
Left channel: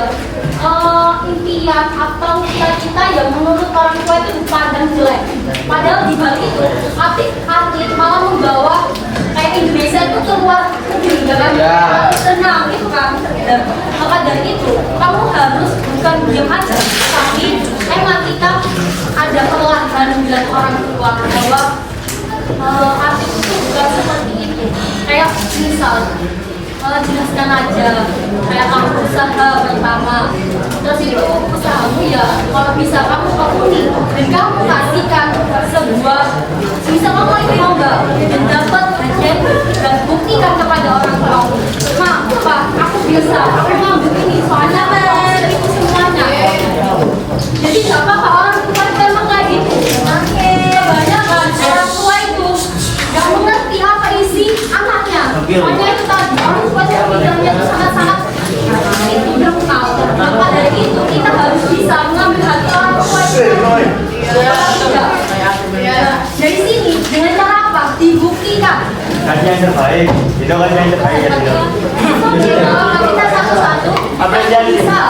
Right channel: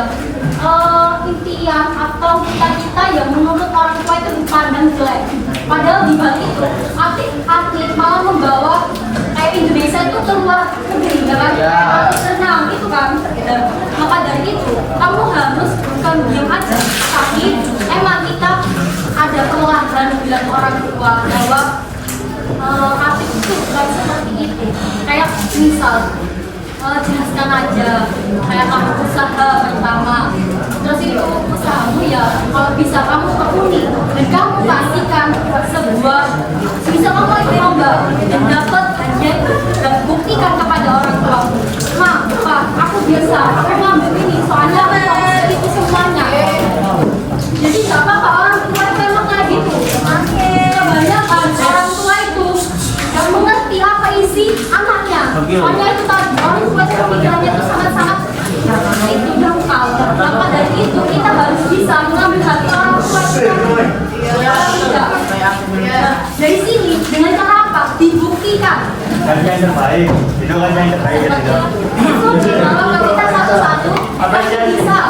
impian atau cita-cita yang menurut orang tua itu dipandang jelek. Padahal di balik itu atlet malah membawa kayak Indonesia itu keluar negeri kan, harus senang itu kan. Maka dari itu kamu harus bukan diam aja, tapi emang kita ada perlahan bilang orang tua bahwa artis itu bukan seperti itu. Kayak misal jelaskan aja kayak kamu usaha pertama, terus itu usahamu ya kalau bisa kamu tekuni dan kamu kasihkan sebuah bisa kamu itu lomba dan dapat hadiah dan buktikan kepada orang tua, ma, pak, aku biasa aku ngambil ini soalnya aku bisa itu semuanya. Jadi gak apa-apa orang tua itu emang kayak gitu. Kebanyakan orang tua itu gak mengerti apa isi anaknya. Soalnya itu tadi orang tua itu pikirannya itu sangat-sangat itu dangkal. Maka dari itu kita harus bisa mengambil hati orang tua kita. Dari sini dengan cara apa? Dibuktikan. Hanya yang terbaik, itu kan yang terbaik kan itu. Kalau kita satu-satu kita bisa.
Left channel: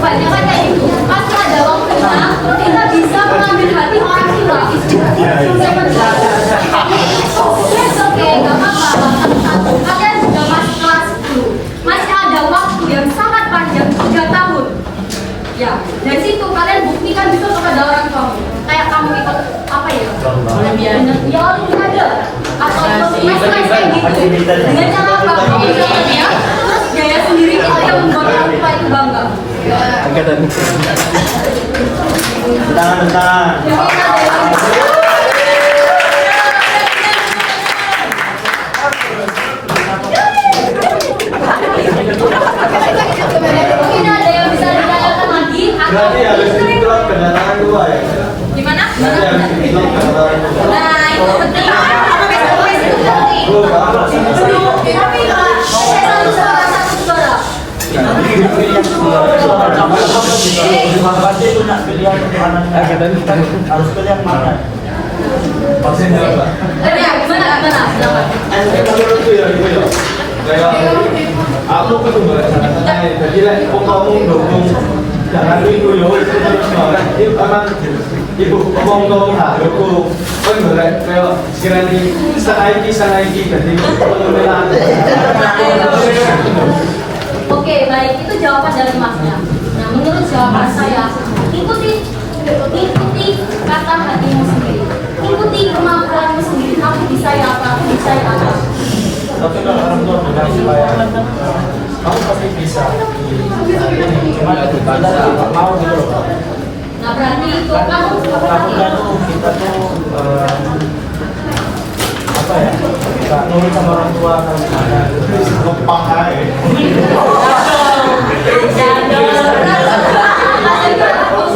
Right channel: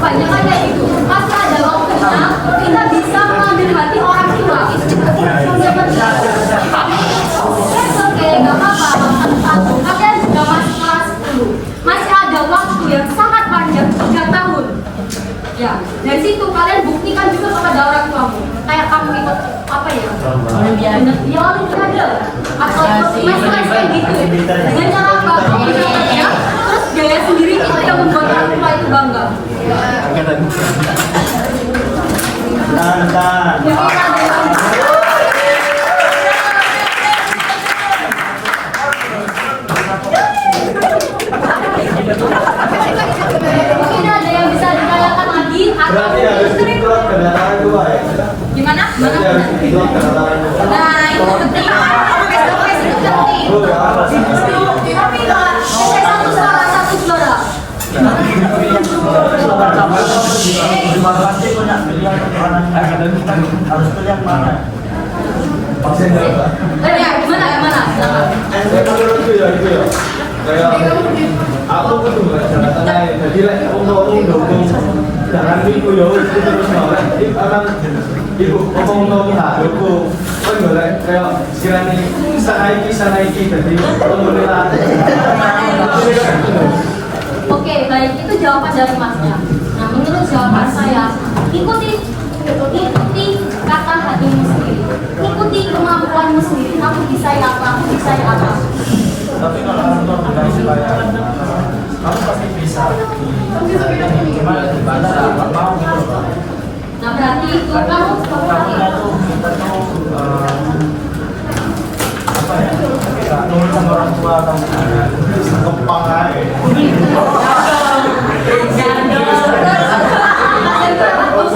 Banyak-banyak itu pasti ada waktunya kita bisa mengambil hati orang tua. Oke, nggak apa-apa. Kalian juga masih kelas 10, masih ada waktu yang sangat panjang 3 tahun. Ya, dari situ kalian buktikan juga kepada orang tua. Kayak kamu ikut apa ya? Ya, ada. Atau ikut les kayak gitu. Dengan cara apa? Ya, terus gaya sendiri itu yang membuat orang tua itu bangga. Tangan. Mungkin ada yang bisa ditanyakan lagi Berarti atau habis itu kendaraan dua ya? Gimana? Berarti habis itu kendaraan dua. Nah, itu penting. Face-to-face itu penting. tapi Pak, saya satu sama satu saudara. Harus pilih yang mana? Ya, gimana? Menurutku ya itu ya. Kayak aku kedua caranya jadi mau dukung jangan ibu yo itu terus banget itu emang ibu ngomong dong lah aku kan boleh kayak sekiranya sana iki jadi pemulihan. Oke, baik, itu jawaban dari masnya. Nah, menurut jawaban saya, ikuti ikuti kata hatimu sendiri, ikuti kemampuanmu sendiri. Kamu bisa ya apa, aku bisa ya apa. Tapi kalau orang tua bilang supaya kamu pasti bisa. Cuma nggak mau gitu loh. Nah berarti itu kamu Takutnya tuh kita tuh apa ya? Kita nurut sama orang tua kan ada kepang aja.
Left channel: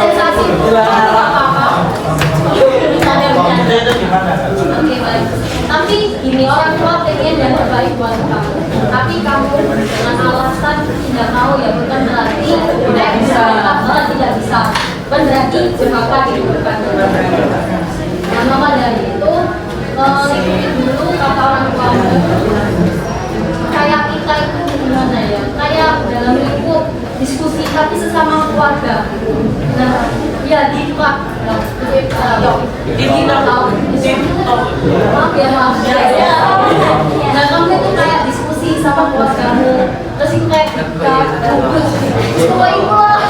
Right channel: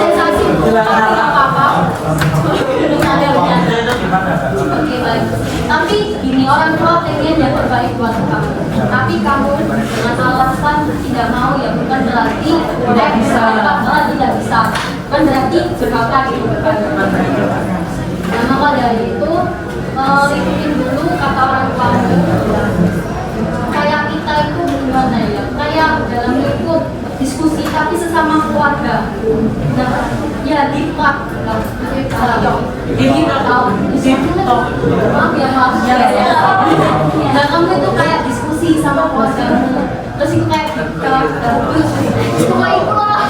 sensasi apa-apa. Oke baik. Tapi gini, orang tua pengen yang terbaik buat kamu. Tapi kamu dengan alasan tidak mau ya bukan berarti bisa tidak bisa. Bukan berarti jebakan itu bukan. Nah maka dari itu ikutin dulu kata orang tua. Kayak kita itu gimana ya? Kayak dalam lingkup diskusi tapi sesama keluarga. Nah, ya di TikTok. Maaf ya maaf ya. Nah kamu itu kayak diskusi sama keluargamu. Terus itu kayak mulai keluar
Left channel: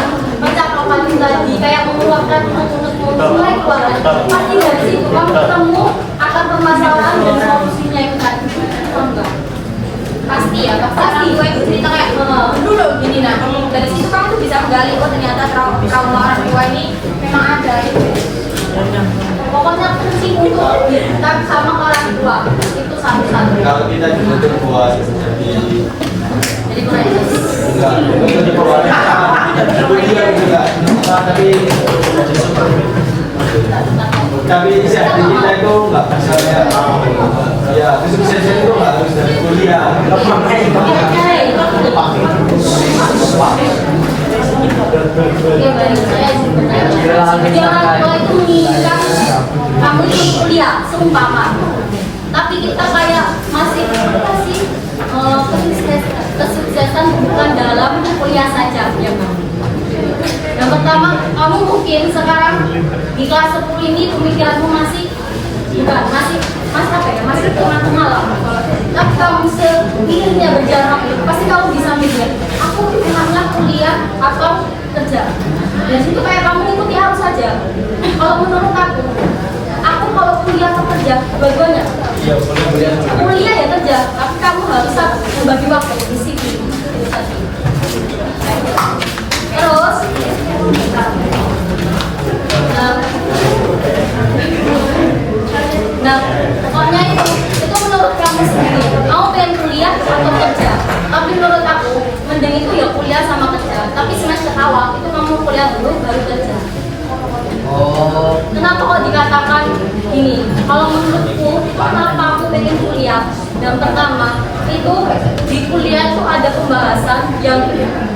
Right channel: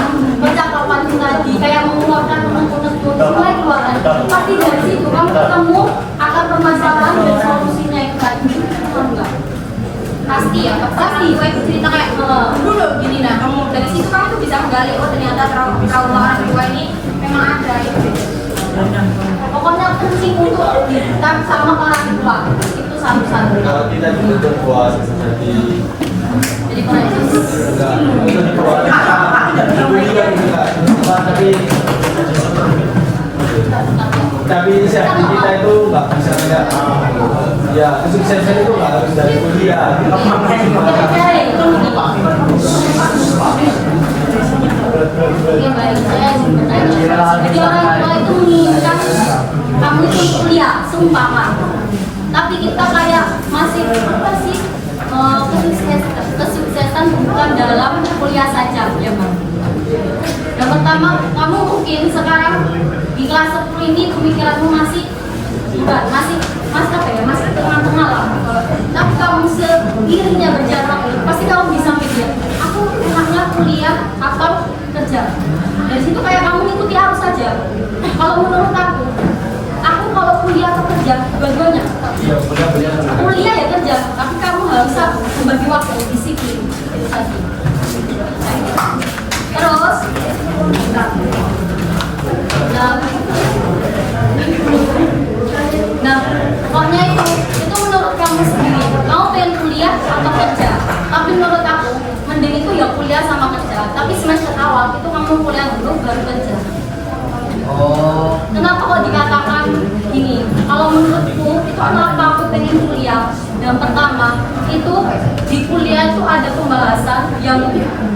percakapan tadi kayak mengeluarkan mulai keluarkan. Pasti dari situ kamu ketemu akar permasalahan dan solusinya itu tadi. Enggak. Pasti ya, pasti gue itu cerita kayak dulu gini. Nah dari situ kamu tuh bisa menggali, oh ternyata trauma orang tua ini memang ada gitu. Pokoknya penting untuk kita sama orang tua itu satu-satu. Kalau kita juga buat Jadi mulai tapi safety kita itu nggak bisa ya kesuksesan itu nggak harus dari kuliah. Oke baik, saya jadi orang tua itu menginginkan kamu itu kuliah seumpama, tapi kita kayak masih apa sih kesuksesan bukan dalam kuliah saja ya Bang. Yang pertama, kamu mungkin sekarang di kelas 10 ini pemikiranmu masih bukan masih apa ya, masih tengah-tengah lah. Tapi kamu seiringnya berjalan waktu, pasti kamu bisa mikir, aku enaknya kuliah atau kerja. Dari situ kayak kamu ikuti arus saja. Kalau menurut aku kalau kuliah atau kerja, dua-duanya. Kuliah ya kerja, tapi kamu harus membagi waktu, disiplin. Terus, nah, pokoknya itu menurut kamu sendiri. Kamu pengen kuliah atau kerja? Tapi menurut aku, mending itu ya kuliah sama kerja. Tapi semester awal itu kamu kuliah dulu baru kerja. Kenapa kok dikatakan ini? Kalau menurutku itu kenapa aku pengen kuliah? Yang pertama itu di kuliah itu ada pembahasan yang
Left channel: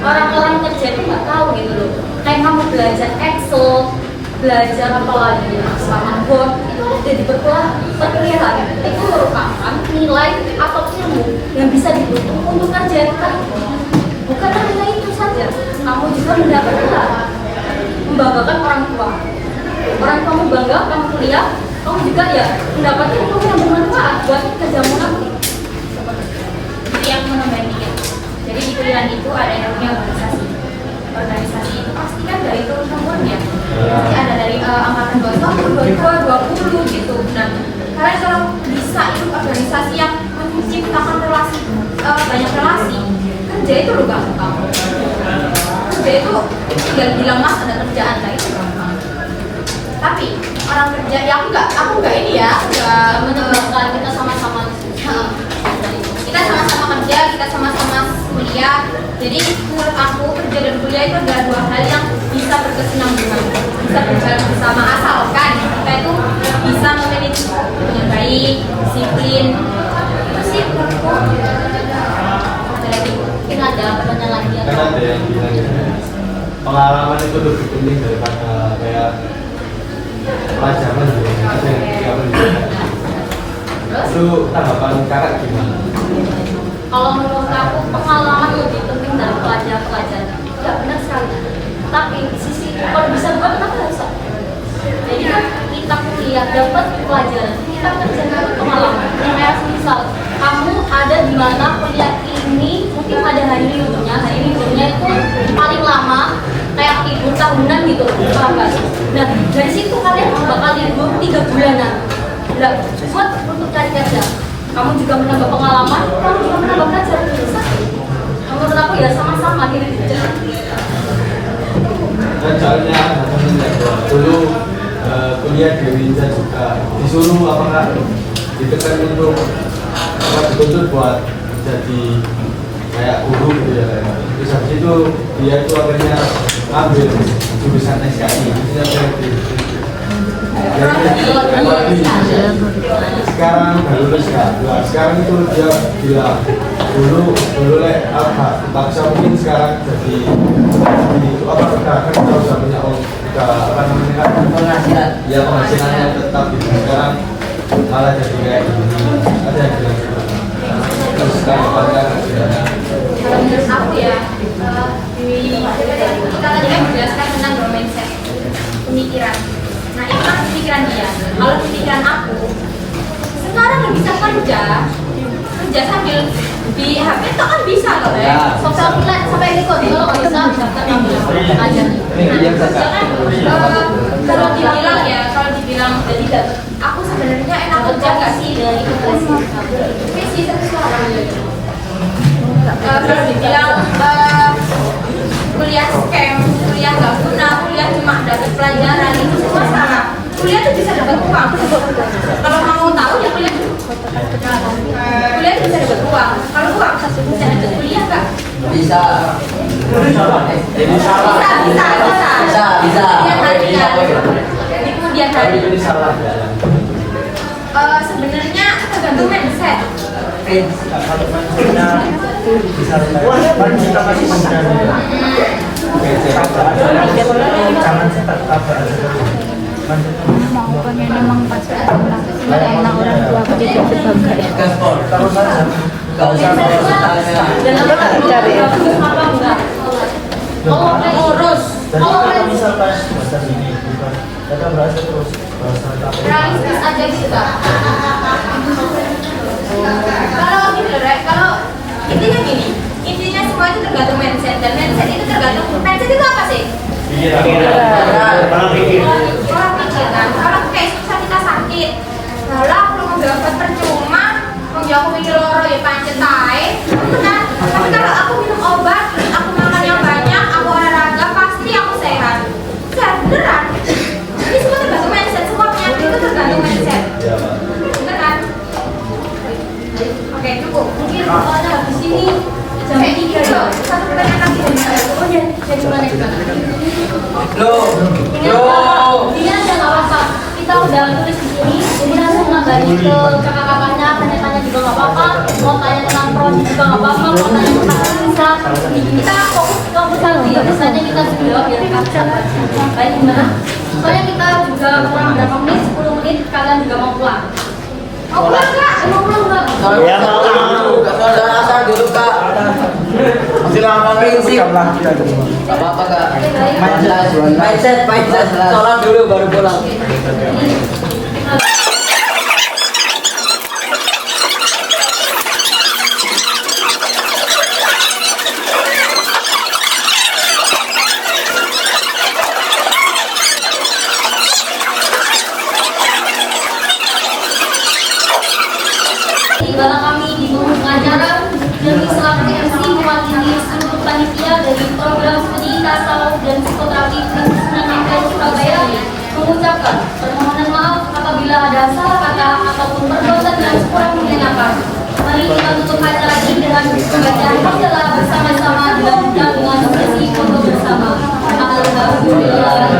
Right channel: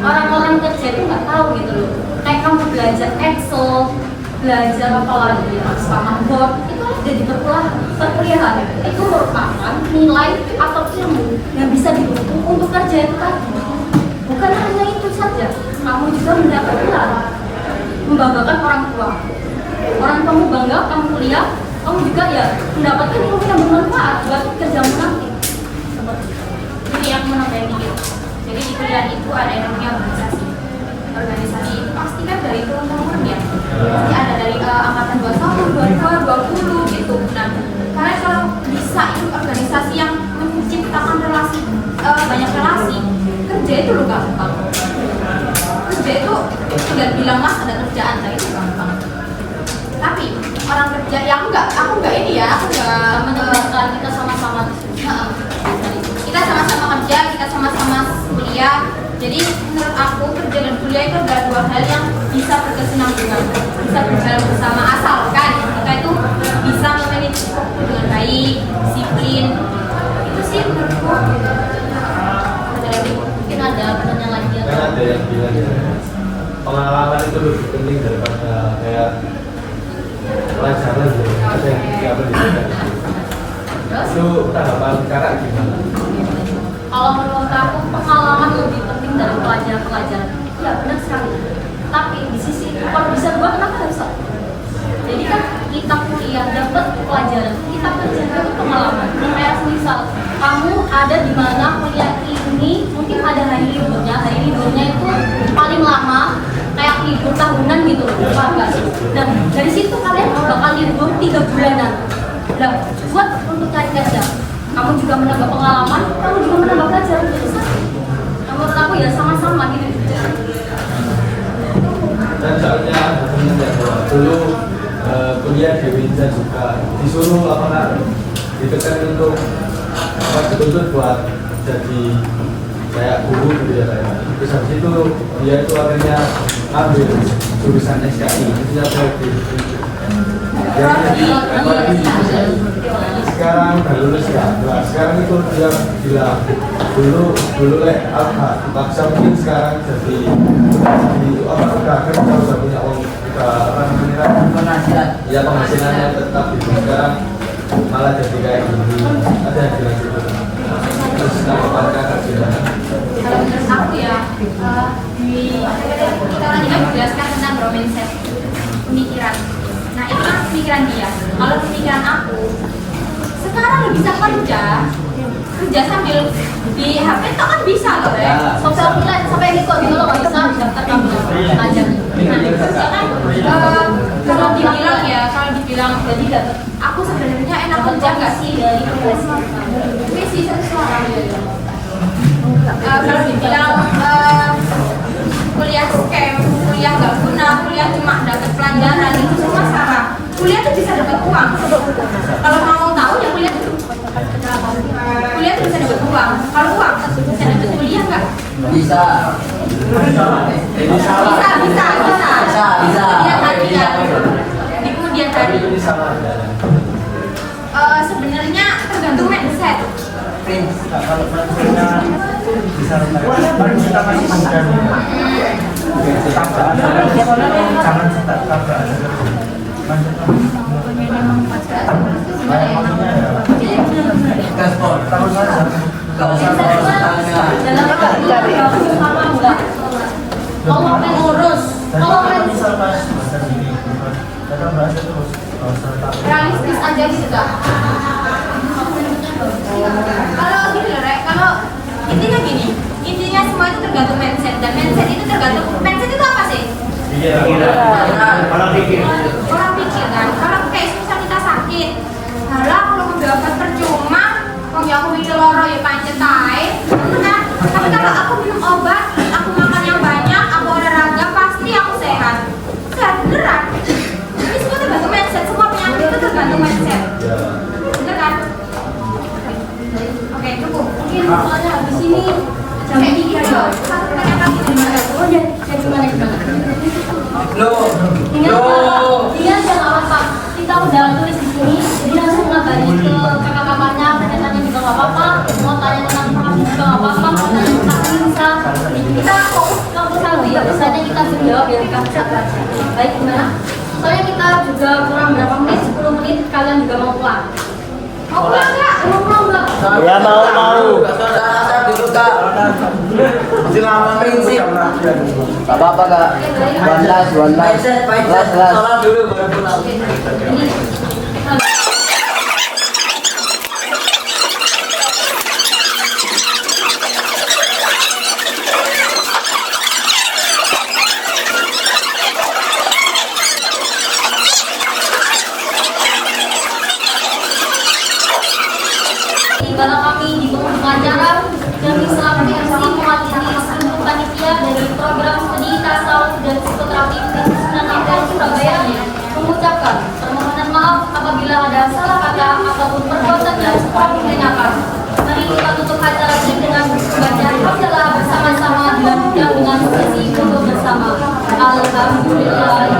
orang-orang kerja itu nggak tahu gitu loh. Kayak kamu belajar Excel, belajar apa lagi ya, sama Word itu ada di perkuliahan. Itu merupakan nilai atau ilmu yang bisa dibutuhkan untuk kerja kita. Bukan hanya itu saja, kamu juga mendapatkan membanggakan orang tua. Orang kamu bangga, kamu kuliah, kamu juga ya mendapatkan ilmu yang bermanfaat buat kerjamu nanti. Jadi yang menambahin dikit. Jadi di kuliah itu ada yang namanya organisasi. Organisasi itu pasti kan dari turun-temurun ya. Pasti ada dari angkatan 21, 22, 20 gitu. Nah, karena kalau bisa itu organisasi yang menciptakan relasi, banyak relasi, kerja itu lo gampang. Kerja itu tinggal bilang mas ada kerjaan, nah itu gampang. Tapi orang kerja ya aku nggak ini ya, aku nggak Menyebabkan kita sama-sama kita sama-sama kerja, kita sama-sama kuliah. Jadi menurut aku kerja dan kuliah itu adalah dua hal yang bisa berkesinambungan, bisa berjalan bersama asalkan kita itu bisa memanage dengan baik, disiplin. Itu sih menurutku. mungkin ada pertanyaan lagi Kan atau ada yang bilang pengalaman itu lebih penting daripada kayak pelajaran gitu. Ada yang nggak penting. Itu tanggapan kakak gimana? kalau menurut aku pengalaman lebih penting dari pelajaran. Ya benar sekali. Tapi di sisi kalau bisa buat kenapa harus? Jadi kan kita kuliah dapat pelajaran, kita kerja dapat pengalaman. Kayak misal kamu ada di mana kuliah ini mungkin ada hari liburnya itu paling lama kayak libur tahunan gitu, apa? Nah program buat untuk cari kerja. Kamu juga menambah pengalaman, kamu juga menambah pelajaran. Menurut aku ya sama-sama gitu. Dan caranya dulu kuliah di Windsor juga disuruh apakah ditekan untuk betul-betul buat jadi kayak guru gitu ya. Terus habis itu dia itu akhirnya ambil jurusan SKI. Sekarang baru lulus ya. Nah, sekarang itu dia bilang dulu apa maksa mungkin sekarang jadi apa kan kalau sudah punya apa namanya penghasilan ya penghasilannya tetap gitu. Sekarang malah jadi kayak gini ada yang bilang gitu. Terus sekarang kan Kalau menurut aku ya, di kita tadi kan menjelaskan tentang mindset pemikiran. Nah itu kan pemikiran dia. Kalau pemikiran aku, sekarang bisa kerja sambil di HP itu kan bisa loh ya. Sosial media sampai ini kok dulu nggak bisa daftar kamu aja. Nah, kalau dibilang jadi aku sebenarnya enak kerja nggak sih dengan itu tapi sih sesuatu. Kalau dibilang kuliah scam, kuliah nggak guna, kuliah cuma dapat pelajaran itu semua salah. Kuliah tuh bisa dapat uang. Kalau mau tahu ya kuliah bisa dapat uang. Kalau uang bisa dapat kuliah nggak? Bisa. Di kemudian hari. Sebenarnya tergantung mindset. Realistis aja gitu kan. Kalau gini loh, kalau intinya gini, intinya semua itu tergantung mindset dan mindset itu tergantung mindset itu apa sih? Pola pikir kan. Kalau kayak misal kita sakit, lah kalau mendapat percuma, kalau aku mikir loro ya pancet ae, kan? Tapi kalau aku minum obat, aku makan yang banyak, aku olahraga pasti aku sehat. Sehat beneran. Jadi semua tergantung mindset, semua penyakit itu tergantung mindset. Bener kan? Oke, cukup. Mungkin soalnya habis ini jam 3 ya. Satu pertanyaan lagi dari mana? Oh ya, dari mana? Ini aja nggak apa-apa. Kita udah tulis di sini, jadi langsung ngabarin ke kakak-kakaknya, tanya-tanya juga nggak apa-apa. Mau tanya tentang proses juga nggak apa-apa. Mau tanya tentang bisa. Kita fokus ke pusat ya. Biasanya kita jawab ya kan pusat. Baik gimana? Soalnya kita juga kurang berapa menit, 10 menit. Kalian juga mau pulang. Mau pulang nggak? Mau pulang nggak? Ya mau. Jangan asal dulu kak. Masih lama prinsip. Gak apa-apa kak. Mindset. Sholat dulu baru pulang. Ibarat kami di pengacara dan selaku MC mewakili seluruh panitia dari program studi tasawuf dan psikoterapi Sunan Ampel Surabaya mengucapkan permohonan maaf apabila ada salah kata ataupun perbuatan yang kurang mengenakan. Mari kita tutup acara ini dengan pembacaan hamdalah bersama-sama dilanjutkan dengan sesi foto bersama. Alhamdulillah.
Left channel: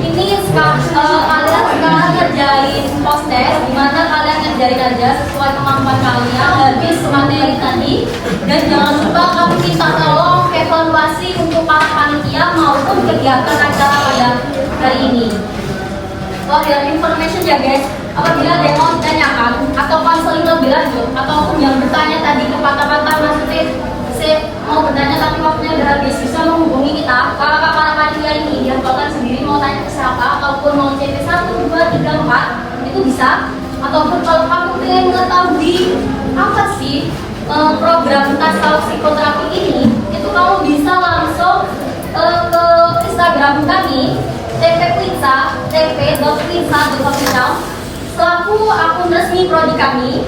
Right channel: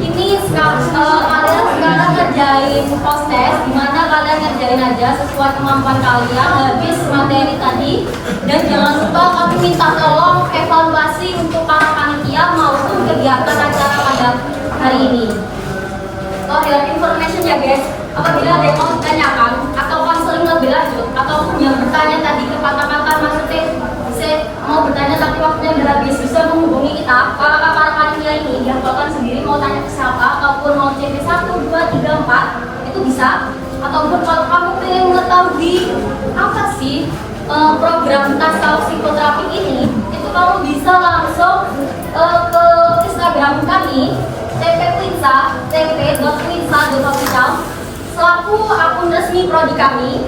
Ini kalian sekarang ngerjain post-test, dimana kalian ngerjain aja sesuai kemampuan kalian habis materi tadi. Dan jangan lupa kami minta tolong evaluasi untuk para panitia maupun kegiatan acara pada hari ini. For your information ya guys, apabila ada yang mau ditanyakan atau konseling lebih lanjut ataupun yang bertanya tadi kepatah-patah maksudnya mau bertanya tapi waktunya udah habis, bisa menghubungi kita. Kakak para panitia ini diampulkan sendiri mau tanya ke siapa ataupun mau CP 1, 2, 3, 4 itu bisa. Ataupun kalau kamu ingin mengetahui apa sih program tasawuf psikoterapi ini, itu kamu bisa langsung ke Instagram kami temp.quinsa.official selaku akun resmi prodi kami.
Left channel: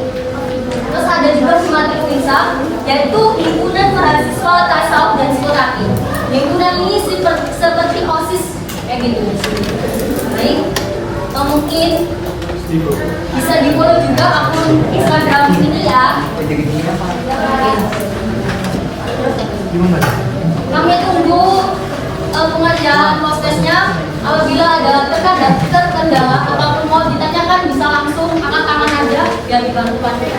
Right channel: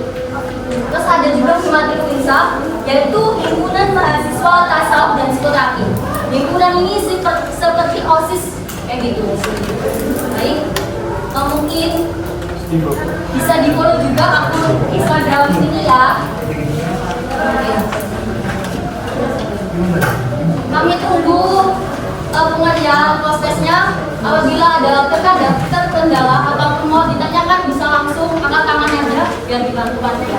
Terus ada juga Himatri Quinsa, yaitu himpunan mahasiswa tasawuf dan psikoterapi. Himpunan ini seperti OSIS kayak gitu. Baik, mungkin bisa di follow juga akun Instagram ini ya. Kami tunggu pengajian prosesnya. Apabila ada terkendala ataupun mau ditanyakan bisa langsung angkat tangan aja biar dibantu ya.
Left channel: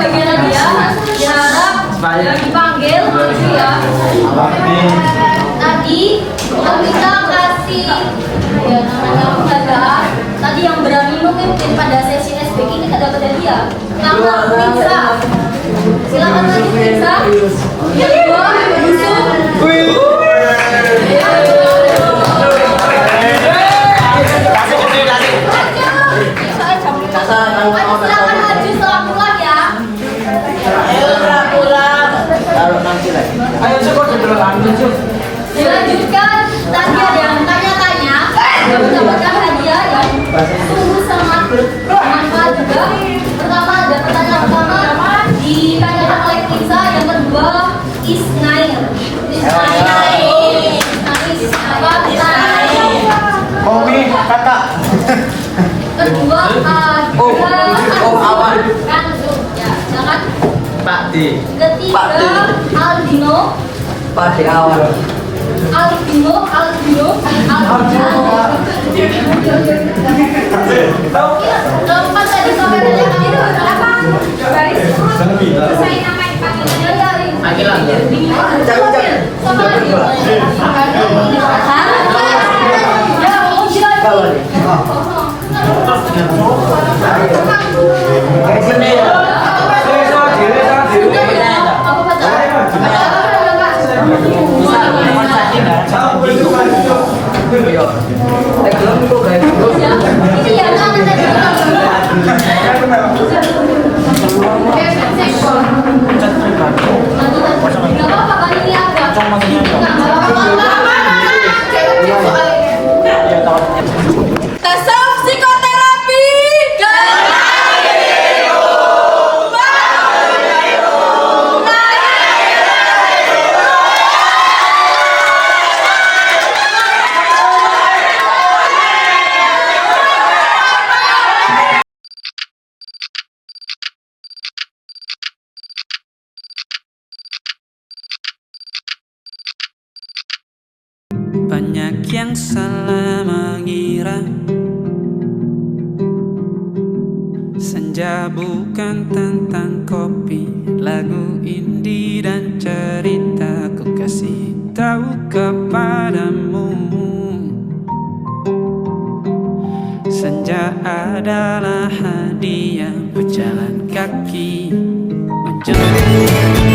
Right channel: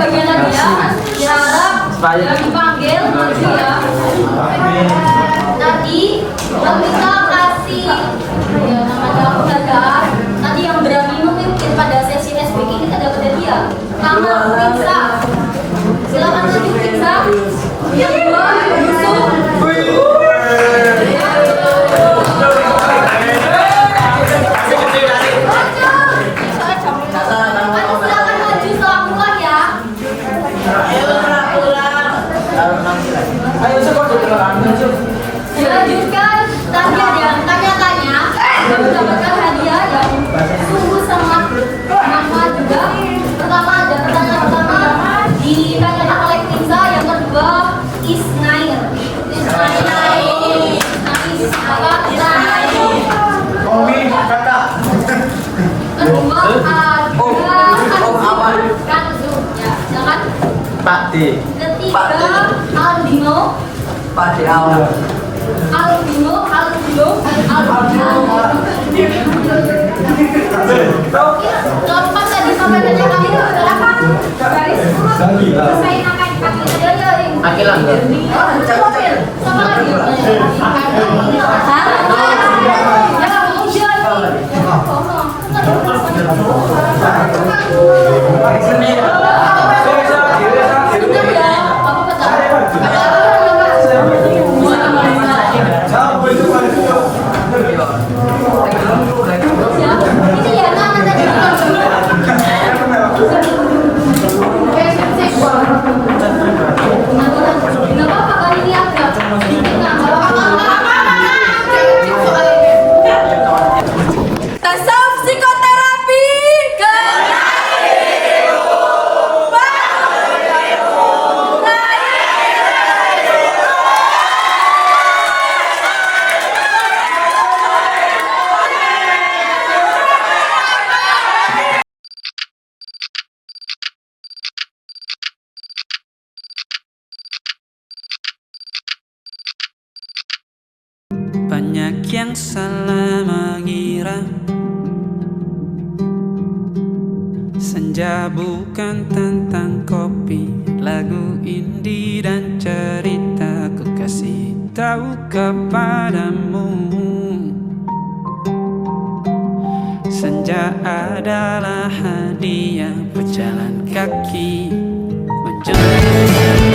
Bagian lagi ya, diharap yang dipanggil maju ya. Tadi kita kasih ya namanya penghargaan. Tadi yang berani memimpin pada sesi SBK kita dapat hadiah. Karena Quinsa. Silakan maju Quinsa. Yang kedua Yusuf. Dilanjutkan, tadi ada yang tanya-tanya mendapatkan hadiah yang sungguh sangat bermanfaat juga. Pertama ada pertanyaan pertama ditanyakan oleh Quinsa, yang kedua Isnail. Kedua kan ya, jangan. Ketiga Aldino. Padi awal. Aldino. Lepas tadi sampai tanya kami itu berapa? Dari saya nama dipanggil sama lagi. Tasawuf psikoterapi Banyak yang salah mengira senja bukan tentang kopi, lagu indie dan cerita ku kasih tahu kepadamu. Senja adalah hadiah pejalan kaki menjelang